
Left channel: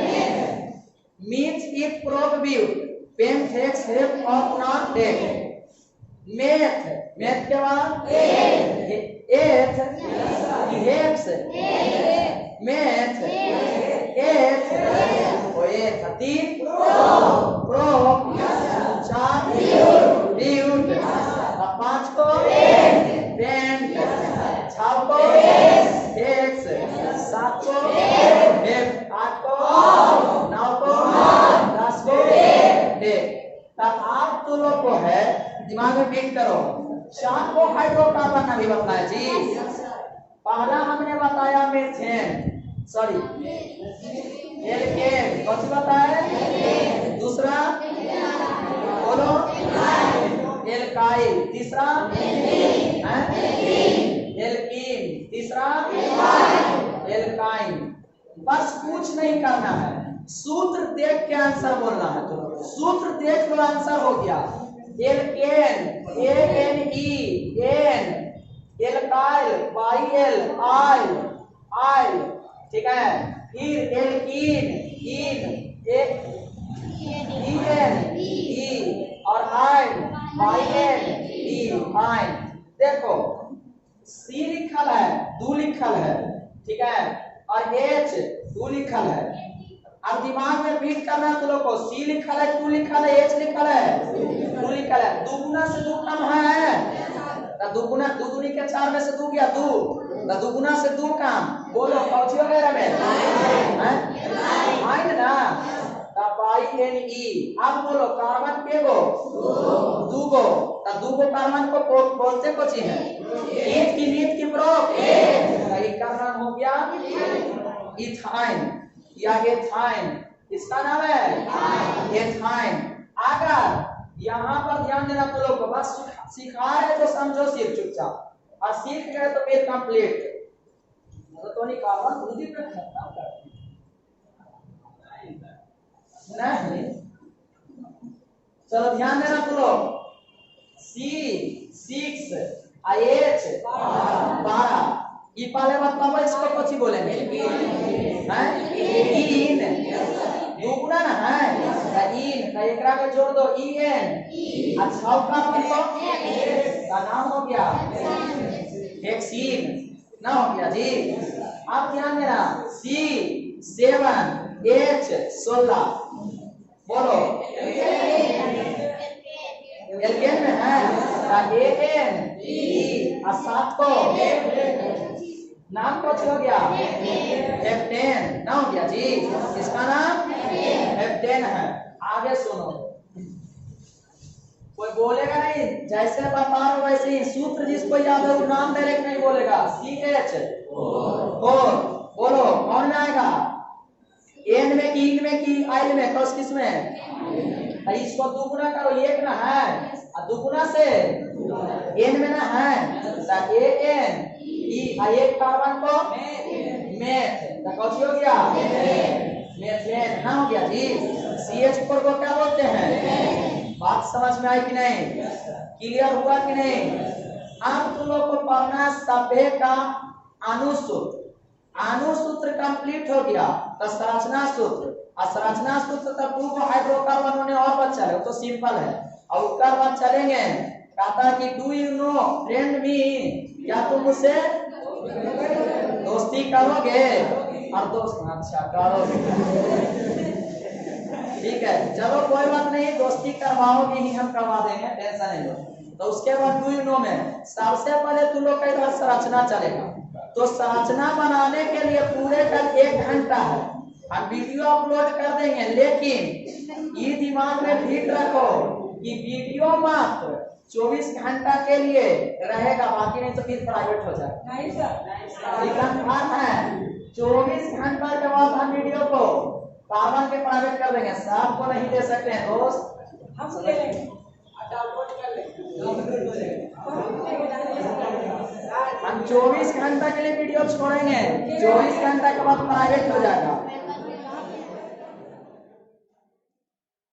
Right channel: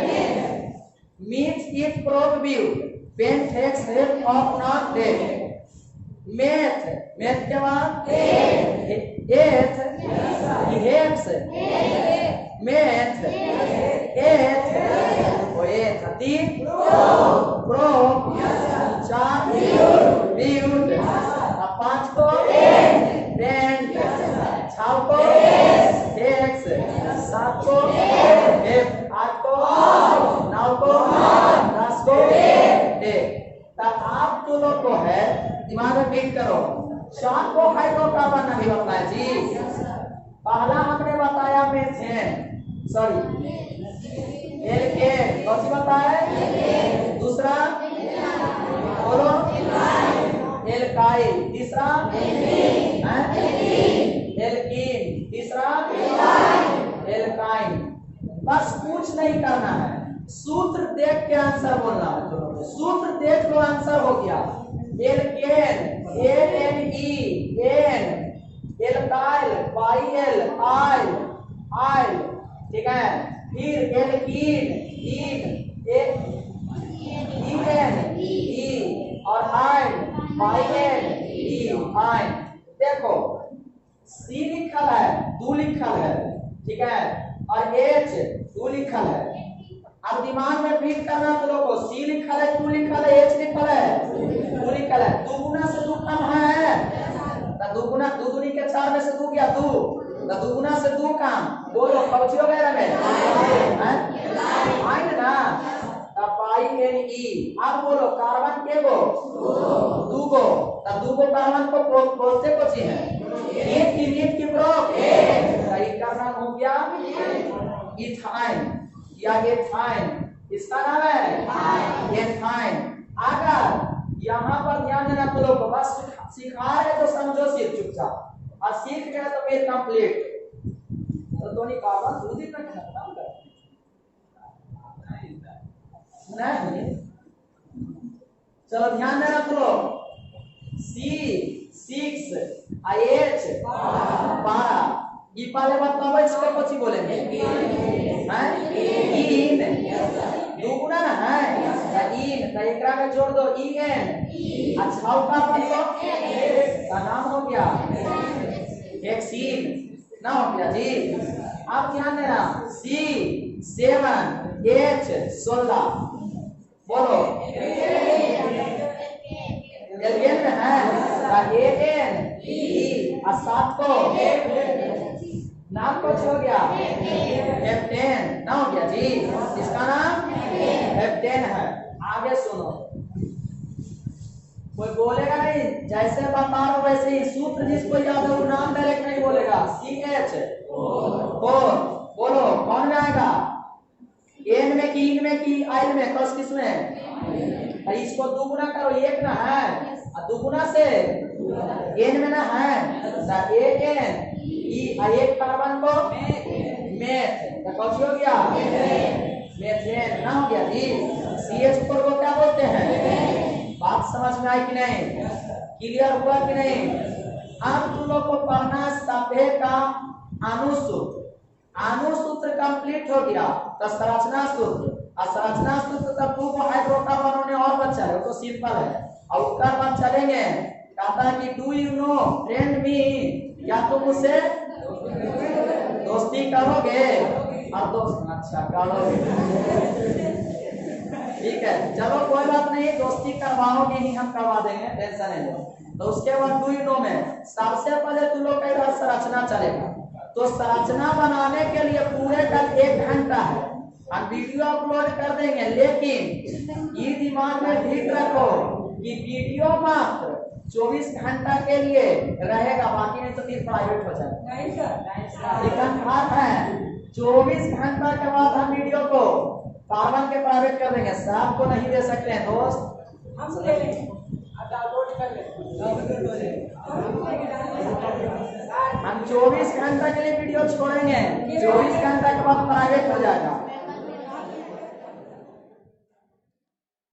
meth eth prop but, pent hex hept और नॉन डेक। मेथ, मेथ के बाद एथ, हेक्स, मेथ एथ, वो एथ, 3 प्रोप, 4 ब्यूट, 5 को पेंट, 6 को हेक्स, 7 को हेप्ट, 8 को 9 को 10 को डेक। तब आप तो लोग को है दिमाग में फिट करो। 4 को हाइड्रोकार्बन नहीं बताया जी। पहला हमने बताया मेथेन, सॉरी एल्केन, कौन सी बताया? दूसरा बोलो एल्काइल, तीसरा एल्कीन, तीसरा एल्काइन। बस कुछ नहीं करना है, सूत्र देख के आंसर बोलना है। तो सूत्र देख लो, आंसर हो गया एल्केन, ANE, एल्काइल, YL, आइल, ठीक है? फिर एल्कीन, EN, और आइन, YN, आइन। देखो C लिखल है, 2 लिखल है, ठीक है? और H 2 लिखल है। अब दिमाग में फिट करना तो लोगों को, C लिखल है, 2 लिखल है, H लिखल है, 2 लिखल है। 2 गुना से 2 कम है, तो 2 गुना 2 दूनी के 4 में से 2 गया 2, तो 2 गुना से 2 कम। बोलो कौची वगैरह में आइन ना, तब INE। आप बोलो कार्बन के गो दूगो, तो दूगो कार्बन को बोलते कुछ है मीट की प्रोप का नाम हो गया इथाइन या एथाइन। इसका नाम है एथाइन। अगर यहाँ पर ध्यान देना तो लोग बस सिखा रहे तो समझो सिर्फ चुपचाप, और सीख गए तो फिर कंप्लीट। तो दोनों कार्बन दूध ही में खत्म कर नहीं। चलो ध्यान देना तो लोग C6 H 12 ई पहले बताओ इसको कुछ ही बोलेंगे हैं इन दुगुना ना है इन का एकरा में जोड़ दो EN। अच्छा कार्बन का नाम हो गया हेक्सीन ना हो गया जी। अब ध्यान देना C7 H 16 बोलो एल्केन में है AN E 7 को नाम कुछ हो गया हेप्टेन ना हो गया जी। इसका नाम हेप्टेन है। आगे सुनो, कोई बोलेगा नहीं, जैसे बता रहा वैसे ही सूत्र जिसको याद है वो नाम डायरेक्ट नहीं बोलेगा। CH 4 बोलो कौन में आएगा एन में की इन में की आइल में कौन किस में? इसको दुगुना करो एक ना है और दुगुना से एन में ना है AN ई एक कार्बन को मेथ तो कौन हो गया मेथेन ना हो गया जी। CH4 को क्या बोलते हैं? बात समझ में आई कि नहीं? क्लियर हुआ कि नहीं? अब तुम लोग को पढ़ना सभ्य का अनुसूत्र। अनुसूत्र कंप्लीट हो गया तो संरचना सूत्र, और संरचना सूत्र तक दो हाइड्रोकार्बन होने और बचा है, वो तो सिंपल है। और उसके बाद चलेंगे, कहता है कि डू यू नो फ्रेंड मी, क्या तुम मुझसे दोस्ती करोगे? और दोस्त अच्छा करोगे, ठीक है चलो कोई बात नहीं, दोस्ती करवाओगे ही, हम करवा देंगे, टेंशन नहीं लो। तो उसके बाद डू यू नो में सबसे पहले तुम लोग का संरचना चलेगा। तो संरचना बनाने के लिए पूरे का 1 घंटा है, हम वीडियो अपलोड कर देंगे, लेकिन ये दिमाग में फिट रखो कि वीडियो मात्र 24 घंटा के लिए रहेगा, बाकी नहीं तो फिर प्राइवेट हो जाएगा। नहीं सर है 24 घंटा के बाद हम वीडियो को कार्बन के प्राइवेट कर देंगे, सब को नहीं दे सकते हैं दोस्त, हम डाउनलोड कर लेंगे। हम 24 घंटा के लिए वीडियो छोड़ेंगे, 24 घंटा के बाद प्राइवेट हो जाएगा।